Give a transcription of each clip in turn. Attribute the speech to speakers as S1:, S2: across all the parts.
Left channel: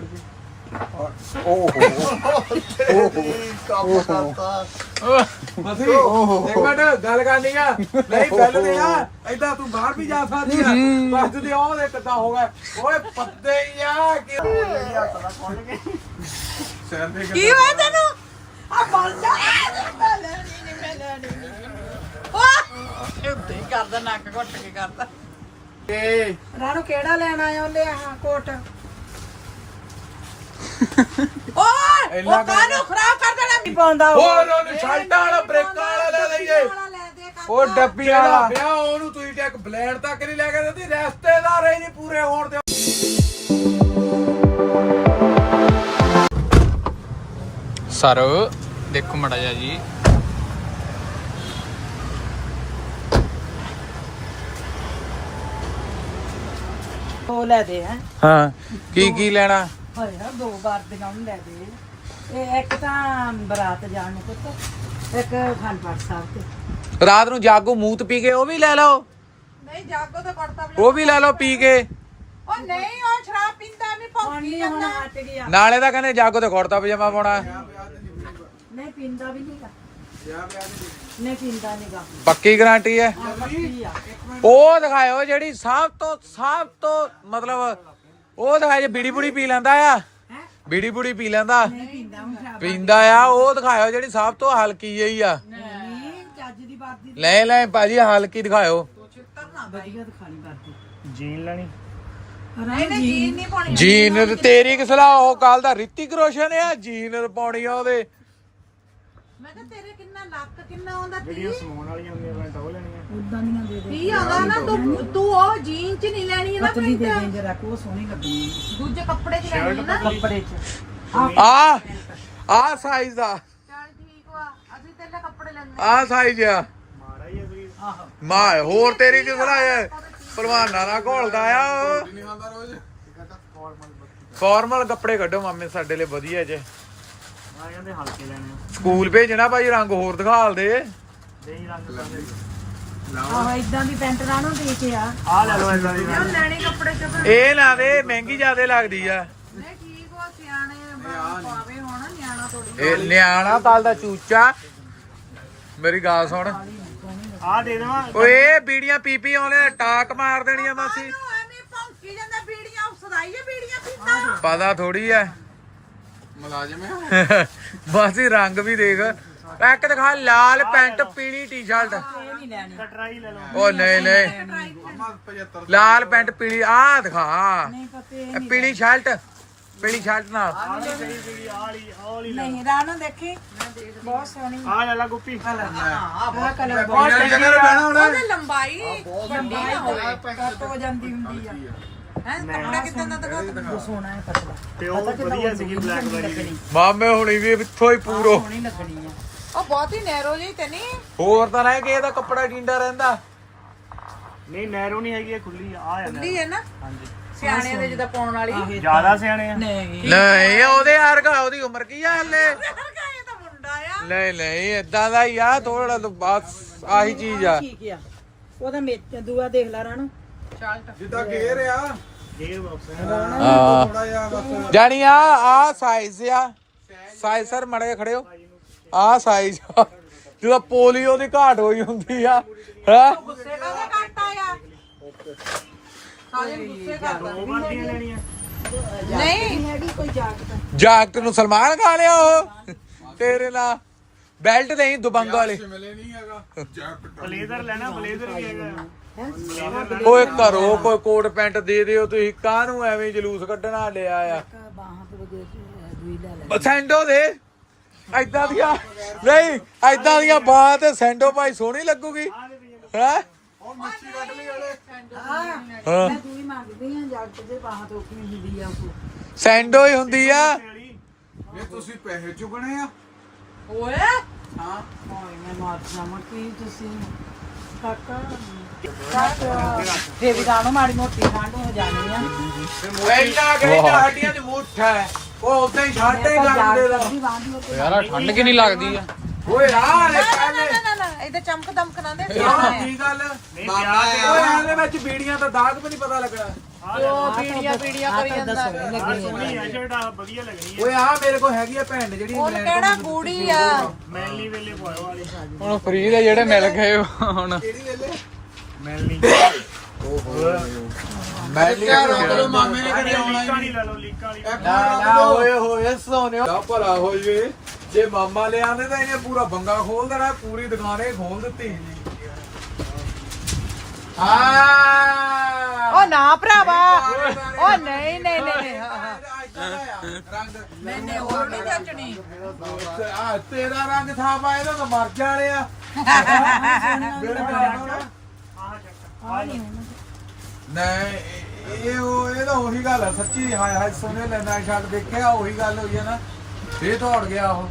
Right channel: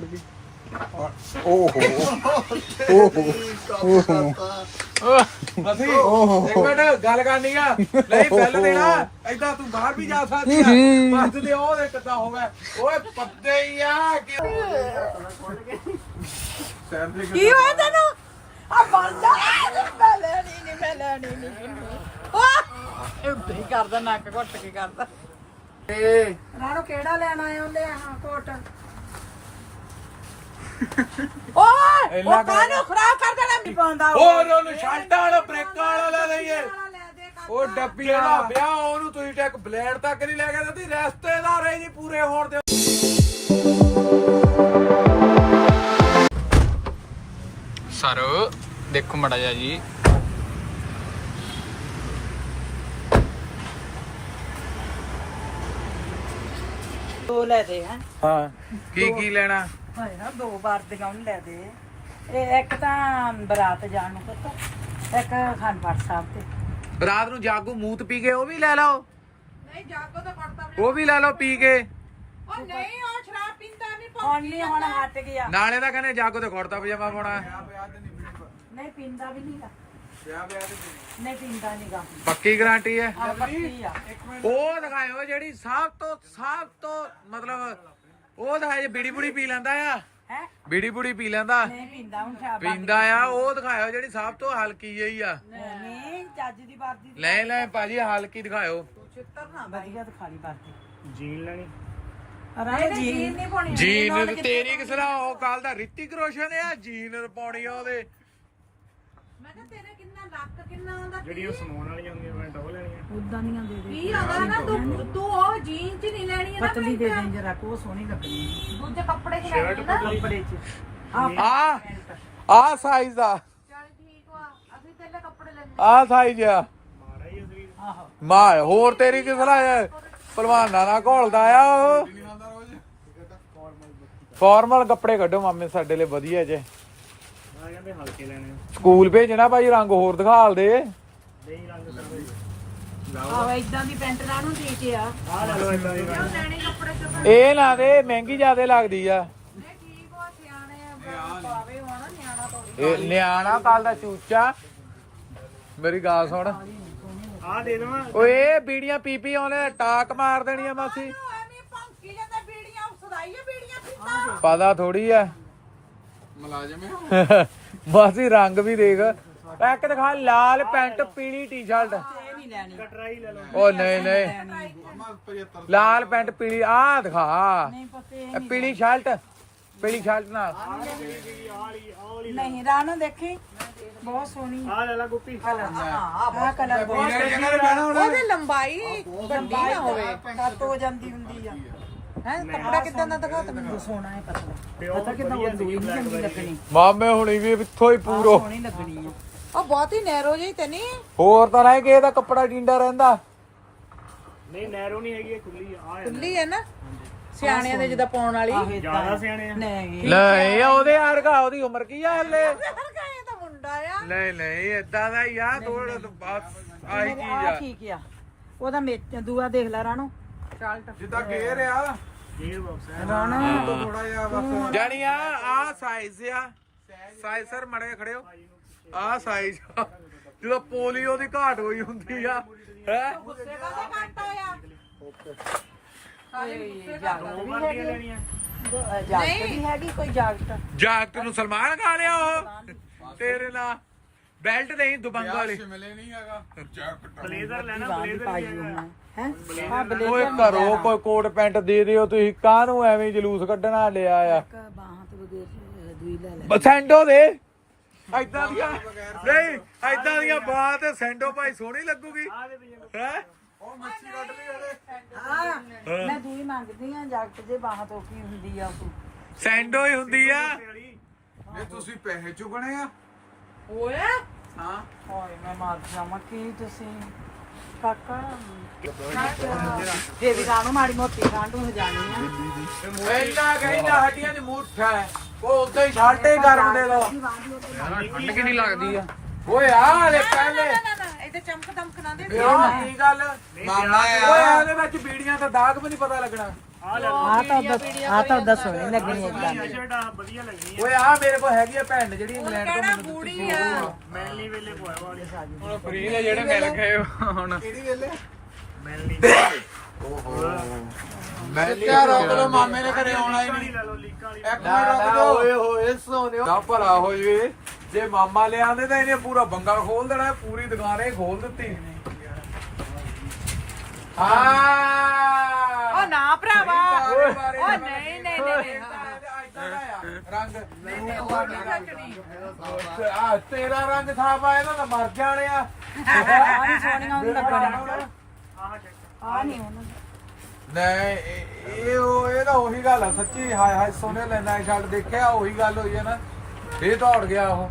S1: ਗਈ
S2: ਮਸੀ ਇੱਕ ਮਿੰਟ ਗੱਲ ਕਰਨੀ ਆ ਨਹੀਂ ਬਿੱਲ ਦੇਣਾ ਏਦਾਂ ਤੂੰ ਬਾਹਰ ਵੀ ਜਾ ਸਕਦੀ ਆ ਬੱਸ ਦੇ ਉਹ ਦੇ ਕਿੱਦਾਂ ਹੋ ਗਿਆ ਓਏ ਪੱਤੇ ਹੀ ਆ
S3: ਕੀ ਹੋਇਆ ਤੈਨੂੰ ਆ ਬੰਦਾ ਮੈਂ ਲੈਣੀ ਉੱਤੇ ਕਰਦਾ ਨੱਕ ਘੁੱਟ ਕੇ ਕਰਦਾ ਰਾਣੋ ਕਿਹੜਾ ਲੈਣ ਆਇਆ ਉਹਨੇ ਆਹ ਕੋਟ ਓਏ ਉਹ ਕਾਹਨੂੰ ਖਰਾਬ ਕਰ ਦੇਣਾ ਨਹੀਂ ਪਾਉਂਦਾ
S2: ਹੋਰ ਉਹਨੂੰ ਸ਼ਾਲਟਾਂ ਵਾਲਾ ਬ੍ਰੇਕਾਂ ਵਾਲਾ ਲੈ ਲਈਏ ਉਹ ਡੱਬੀਆਂ ਦਾ ਵਿਆਹ ਉਹਨੂੰ ਤੁਸੀਂ ਤੇ ਇੱਕ ਬਲੇਡ ਤੱਕ ਨਹੀਂ ਲੈ ਕੇ ਦਿੰਦੀ ਰਿਸ਼ਤੇਦਾਰ ਹੀ ਨਹੀਂ ਪੂਰੇ ਹੋਣ ਦੇ
S1: ਸਰ ਦੇਖੋ ਮੜਾ ਜਾ ਜੀ
S3: ਉਹ ਲੈ ਦੇ ਹੈ
S2: ਹਾਂ ਕੀ ਲੈਣਾ
S3: ਹੋਇਆ ਦੋ ਵਾਰ ਦੀਆਂ ਉਹਨੂੰ ਲੈ ਦੇ ਇਹ ਇੱਕ ਤਾਂ ਬਰਾਤ ਜਾਣ ਨੂੰ ਤੇ ਇੱਕ ਖਾਨਪਾਟ ਸਾਹਿਬ ਤੇ
S2: ਰਾਤ ਨੂੰ ਜਾਗੋ ਮੂਤ ਪੀ ਕੇ ਉਹ ਵੀ ਲੈ ਲਓ
S3: ਨਹੀਂ ਜਾਗੋ ਤਾਂ ਕਰਤਾ
S2: ਉਹ ਵੀ ਲੈ ਲਓ ਪੀ ਕੇ
S3: ਉਹ ਨਹੀਂ ਉਹ ਸ਼ਰਾਬ ਪੀਂਦਾ ਵੀ ਫੌਂਕੀ ਹੁਣ ਹਟ ਗਿਆ
S2: ਨਾਲੇ ਤਾਂ ਕਹਿੰਦੇ ਜਾਗੋ ਤੇ ਕੁੜਤਾ ਪਜਾਮਾ ਪਾਉਣਾ
S3: ਨਹੀਂ ਪੀਂਦਾ ਵੀ ਨਹੀਂਗਾ ਨਹੀਂ ਪੀਂਦਾ ਨਹੀਂਗਾ
S2: ਪੱਕੀ ਗਾਰੰਟੀ ਹੈ
S3: ਪੱਕੀ ਆ
S2: ਉਹ ਦਿਖਾਇਓ ਜਿਹੜੀ ਸਭ ਤੋਂ ਮਤਲਬ ਉਹ ਦਿਖਾਇਓ ਜੇ ਬੀੜੀ ਬੁੜੀ ਪੀ ਲੈਂਦਾ ਆ
S3: ਹੈ
S2: ਬੀੜੀ ਬੁੜੀ ਪੀ ਲੈਂਦਾ
S3: ਨਹੀਂ ਪੀਂਦਾ ਹੁਣ ਸ਼ਰਾਬ
S2: ਪੀਂਦਾ ਆ ਉਹ ਦਿਖਾਇਓ ਜਿਹੜੀ ਸਭ ਤੋਂ ਹਲਕੀ ਜਿਹੀ ਆ
S3: ਨਹੀਂ ਜੱਜ ਦੀ ਬਾਤ ਦੀ
S2: ਲੈ ਭਾਜੀ ਹਲਕੀ ਦਿਖਾਇਓ
S3: ਵਧੀਆ ਦਿਖਾਣੀ ਬਾਤ
S1: ਜੀਨ ਲੈਣੀ
S3: ਅਰੇ ਜੀਨ ਨਹੀਂ ਪਾਉਣੀ
S2: ਜੀਨ ਤੇ ਤੇਰੀ ਕਿਸ ਲਾ ਉਹ ਕੱਲ ਦਾ ਰਿਤਿਕ ਰੋਸ਼ਨ ਆ ਜੀਨ ਪਾਉਣੀ ਆ ਉਹਦੇ
S3: ਮੈਂ ਕਿਹਾ ਤੇਰੇ ਕਿੰਨਾ ਲੱਕ ਕਿੰਨਾ ਆਉਂਦਾ
S1: ਵੀਡੀਓ ਸਮਾਉਣ ਵਾਲੀਆਂ ਹੁੰਦੀਆਂ ਮੈਂ ਤਾਂ ਉਹ ਲੈਣੀਆਂ
S3: ਉਦਾਂ ਦੀਆਂ ਦੇ ਦੇ ਕੀ ਆਉਂਦਾ ਨਾ ਤੂੰ ਉਹ ਜੀਨ ਚ ਨਹੀਂ ਲੈਣੀ ਹੈ ਨਾ ਪਤਲੀ ਦੇ ਦੇ ਜਰਾ ਕੋ ਸੋਹਣੀ ਲੱਗਣੀ ਹੈ ਦੂਜੇ ਕੱਪੜੇ ਚ ਲੈਣੀ ਹੈ ਨਾ ਕੱਪੜੇ ਚ
S2: ਆ ਸਾਈਜ਼ ਦਾ
S3: ਚੱਲ ਠੀਕ ਵਾ ਅਸੀਂ ਤੇਰੇ ਕੱਪੜੇ ਲੈਣੇ
S2: ਆ ਸਾਈਜ਼ ਆ
S1: ਮਾੜਾ ਹੀ ਅਸਲੀ
S3: ਆਹੋ
S2: ਮਾਂ ਹੋਰ ਤੇਰੀ ਕਿਸ ਲਾ ਭਲਵਾਨਾਂ ਨਾਲ ਘੋਲਦਾ ਆ ਉਹ ਫਾਰਮਲ ਕੱਪੜੇ ਕੱਢੋ ਮਾਮੇ ਸਾਡੇ ਲਈ ਵਧੀਆ ਜੇ
S1: ਆ ਕਹਿੰਦੇ ਹਲਕੇ ਲੈਣੇ ਆ
S2: ਸਕੂਲ ਭੇਜਣਾ ਭਾਈ ਰੰਗ ਹੋਰ ਦਿਖਾਲ ਦੇ
S1: ਦੇਹੀ ਰੰਗ ਕਰਦੇ
S3: ਆਹੋ ਇਦਾਂ ਦੀ ਪੈਂਟ ਰਾਣੋ ਦੇ ਕੇ ਆ
S1: ਆ ਲੈ ਲਓ ਇਦਾਂ ਦੀ
S3: ਲੈਣੇ ਕੱਪੜੇ ਚ
S2: ਇਹ ਨਾ ਦੇ ਮਹਿੰਗੀ ਜ਼ਿਆਦੇ ਲੱਗਦੀ ਆ
S3: ਨਹੀਂ ਠੀਕ ਵਾ ਸਿਆਣੇ ਪਾਵੇ ਹੁਣ ਨਿਆਣਾ ਥੋੜੀ
S2: ਇਹ ਨਿਆਣਾ ਕੱਲ ਦਾ ਚੂਚਾ ਮੇਰੀ ਗੱਲ ਸੁਣ
S1: ਆ ਦੇ ਦੇਵਾਂ
S2: ਓਏ ਬੀੜੀਆਂ ਪੀਪੀ ਆਉਣੇ ਟਾਕ ਮਾਰ ਦੇਣੀਆਂ ਮਾਸੀ
S3: ਐਵੇਂ ਭੌਂਕੀ ਜਾਂਦਾ ਬੀੜੀਆਂ ਸਦਾਈਏ ਬੀੜੀਆਂ ਪੀਂਦਾ
S2: ਪਤਾ ਥੋੜੀ ਐ
S4: ਮੁਲਾਜ਼ਮ
S2: ਮਾਸੀ ਰੰਗ ਵੀ ਦੇਖ ਇੱਕ ਦਿਖਾ ਲਾਲ ਪੈਂਟ ਪੀਲੀ ਟੀ-ਸ਼ਰਟ
S3: ਇਹ ਨਹੀਂ ਲੈਣੀ
S1: ਕਟਰਾਈ ਲੈ ਲਓ
S2: ਉਹ ਨਹੀਂ ਲਾਲ ਪੈਂਟ ਪੀਲੀ ਆ ਦਿਖਾ
S3: ਨਹੀਂ ਪਤੇ
S2: ਇਹ ਪੀਲੀ ਸ਼ਰਟ ਨਾਲ
S3: ਨਹੀਂ ਰਾਣੋ ਦੇਖੀ ਬਹੁਤ ਸੋਹਣੀ
S1: ਆ ਲੈ ਲਾ ਗੁੱਪੀ
S3: ਆਹ ਕਲਰ ਬਹੁਤ ਉਹਦੀ ਲੰਬਾਈ ਵੱਡੀ ਨਾ ਹੋਵੇ ਕੱਟ ਹੋ ਜਾਂਦੀ ਹੁੰਦੀ ਆ ਹੈ ਕੱਪੜਾ ਕਿੱਦਾਂ ਦਾ ਦਿਖਾ ਤੂੰ ਸੋਹਣਾ ਹੈ ਪਤਲਾ
S1: ਤੇ ਉਹ ਵਧੀਆ ਸੀ ਬਲੈਕ
S3: ਲੱਗਣੀ
S2: ਮਾਮੇ ਹੁਣੀ ਵੀ ਇੱਥੋਂ ਹੀ ਪੂਰੋ
S3: ਸੋਹਣੀ ਲੱਗਣੀ ਆ ਉਹ ਬਹੁਤ ਹੀ ਨੈਰੋ ਜਿਹੀ ਤੇ ਨਹੀਂ
S2: ਹੋਰ ਤਾਂ ਨਹੀਂ ਕਿ ਇਹਦਾ ਕੱਪੜਾ ਟਿੰਡਾ ਰਹਿੰਦਾ
S1: ਨਹੀਂ ਨੈਰੋ ਨਹੀਂ ਹੈਗੀ ਇਹ ਖੁੱਲੀ ਆ ਆ
S3: ਖੁੱਲੀ ਹੈ ਨਾ
S1: ਹਾਂਜੀ
S3: ਸਿਆਣਿਆਂ ਦੇ ਜਿੱਦਾਂ ਪਾਉਣ ਵਾਲੀ
S1: ਜ਼ਿਆਦਾ ਸਿਆਣੇ ਆ
S3: ਨਹੀਂ
S2: ਨਹੀਂ ਉਹਦੇ ਵਰਗਾ ਉਹਦੀ ਉਮਰ ਕੀ ਆ ਹਲੇ
S3: ਇਹ ਤਾਂ ਮੁੰਡਾ ਆ
S2: ਨਹੀਂ ਇਦਾਂ ਦਾ ਹੀ ਆ ਥੋੜਾ ਬਸ ਆਹੀ ਚੀਜ਼ ਆ
S3: ਠੀਕ ਆ ਉਹਦਾ ਦੂਆ ਦੇਖ ਲੈ ਰਾਣੋ ਸ਼ਾਲਟ
S4: ਜਿੱਦਾਂ ਗੇਰ ਆ
S1: ਗੇਅਰ ਬਾਕਸ ਹੈ
S2: ਹਾਂ
S4: ਥੋੜਾ ਜਿਹਾ ਬਸ
S2: ਜਾਨੀ ਆ ਸਾਈਜ਼ ਆ ਸਾਈਜ਼ ਸਰ ਮੜੇ ਖੜੇ ਹੋ ਆ ਸਾਈਜ਼ ਜਦੋਂ ਪੋਲੀਓ ਦੀ ਘਾਟ ਹੋਈ ਹੁੰਦੀ ਆ ਹੈ
S3: ਗੁੱਸੇ ਕਾਹਦਾ ਘੰਟਾ ਆ ਸਾਰੇ ਗੁੱਸੇ ਦਾ
S1: ਦੋ ਵਰਦੀਆਂ ਲੈਣੀਆਂ
S3: ਨਹੀਂ ਹੈਗੀ ਕੋਈ ਜਾਗਦਾ
S2: ਜਾਕਟ ਨੂੰ ਸਲਮਾਨ ਖਾ ਲਿਆ ਉਹ ਤੇਰੇ ਨਾਲ ਬੈਲਟ ਨਹੀਂ ਦੁਬੰਗ ਵਾਲੇ
S4: ਮਿਲੇ ਨਹੀਂ ਹੈਗਾ ਜੈਕਟ
S1: ਬਲੇਜ਼ਰ ਲੈਣਾ ਬਲੇਜ਼ਰ ਵੀ ਹੈਗਾ
S2: ਓਏ ਘਰੋਂ ਕੋਈ ਕੋਟ ਪੈਂਟ ਦੇ ਦਿਓ ਤੁਸੀਂ ਕਾਹਨੂੰ ਐਵੇਂ ਜਲੂਸ ਕੱਢਣਾ ਲਿਆ ਆ
S3: ਬਾਹਾਂ ਤੇ ਦੂਈ ਲੈ ਲੈ
S2: ਸੈਂਡੋ ਦੇ ਐਦਾਂ ਦੀਆਂ ਨਹੀਂ ਐਦਾਂ ਦੀਆਂ ਬਾਹਾਂ ਤੇ ਸੈਂਡੋ ਭਾਈ ਸੋਹਣੀ ਲੱਗੂਗੀ ਹੈ
S4: ਉਹ ਮੱਛੀ ਕੱਢ ਲਈ ਵਾਲੇ
S3: ਹਾਂ ਮੈਂ ਦੂਈ ਮੰਗਦੀ ਆ ਜਾਗਟ ਦੇ ਬਾਹਾਂ ਤੋਂ ਕੀ ਹੁੰਦੀ ਆ ਤੂੰ
S2: ਸੈਂਡੋ ਹੀ ਹੁੰਦੀ ਆ
S4: ਇਹ ਤੁਸੀਂ ਪੈਸੇ ਚੁਗਣੇ ਆ
S3: ਓਏ
S4: ਹਾਂ
S3: ਓਏ ਮੈਂ ਮਾਰ ਜਾਵਾਂ ਕੀ ਤੁਸੀਂ ਕਾਕਾ ਫੇਰ ਵੀ ਰਾਣੋ ਮਾੜੀ ਮੋਟੀ ਠੰਡ ਹੋ ਜਾਣੀ ਆ
S2: ਐਡਾ ਕਹਿੰਦਾ ਹੱਡੀਆਂ ਦੀ ਮੁੱਠ ਹੈ ਉਹ ਉਦਾਂ ਹੀ ਛਾਟੇ ਕਰਨ ਦੇ ਦਾ
S1: ਯਾਰ ਠੰਡ ਕਿ ਨਹੀਂ ਲੱਗਦੀ ਆ
S2: ਓਏ ਆ ਵਾਲੇ ਪਹਿਲੇ
S3: ਨਾ ਇਹਦੇ ਚਮਕ ਦਮਕ ਨਾ ਦੇ
S2: ਕੀ ਗੱਲ
S4: ਮਾਮਾ
S2: ਓਏ ਇਹਦੇ ਵਿੱਚ ਬੀੜੀਆਂ ਤਾਂ ਦਾਗ ਵੀ ਨਹੀਂ ਪਤਾ ਲੱਗਣਾ
S3: ਪੀੜੀਆਂ ਕਰੀ ਜਾਂਦਾ
S5: ਸੋਹਣੀ ਸ਼ਰਟ ਵਧੀਆ ਲੱਗਣੀ
S2: ਓਏ ਆ ਮੇਰੇ ਕੋਲ ਹੈਗੀ ਆ ਭੈਣ ਜਿਹੜੀ
S3: ਉਹ
S2: ਇੰਗਲੈਂਡ ਤੋਂ
S3: ਕਿਹੜਾ
S2: ਮੈਨੂੰ
S3: ਗੂੜੀ ਆ
S5: ਮੈਨਲੀ ਵੇਲੇ ਪਾਓ ਵਾਲੇ
S1: ਹੁਣ ਫ੍ਰੀ ਦੇ ਜਿਹੜੇ ਮਿਲ ਗਏ ਹੁਣ
S4: ਕਿਹੜੀ ਵੇਲੇ
S5: ਮੈਨਲੀ
S2: ਮੈਂ
S4: ਤੇਰੇ ਮਾਮੇ ਨੇ ਕਦੇ ਆਉਣਾ ਹੀ ਨਹੀਂ
S5: ਲੈ ਲਓ ਲੀਕਾਂ ਵਾਲੀ
S2: ਨਾ ਓਏ ਹੋਏ ਸੋਨਿਓ ਦਾ ਭਲਾ ਹੋ ਜਵੇ ਜੇ ਮਾਮਾ ਲਿਆਂਦੇ ਤਾਂ ਇਹਨੇ ਪੂਰਾ ਬੰਗਾ ਖੋਲ ਦੇਣਾ ਪੂਰੀ ਦੁਕਾਨੇ ਖੋਲ ਦਿੱਤੀ ਆ
S3: ਉਹ ਨਾ ਭਰਾਵਾ ਉਹ ਨਹੀਂ
S2: ਰੰਗ
S3: ਮੈਨੇ ਹੋਰ ਨਹੀਂ ਜੱਟਣੀ
S2: ਆ ਤੇਰਾ ਰੰਗ ਸਾਫ ਆ ਇਹਦਾ ਤਾਂ ਮਰ ਜਾਣਿਆ ਨਹੀਂ ਇਹ ਤਾਂ ਉਹੀ ਗੱਲ ਆ ਸੱਚੀ ਹਾਏ ਹਾਏ ਸੋਨੇ ਲੈਣਾ ਛੱਡ ਦੇਖਿਆ ਉਹੀ ਗੱਲ ਹੋਈ ਹੈ ਨਾ ਇਹ ਦੌੜ ਗਿਆ ਉਹ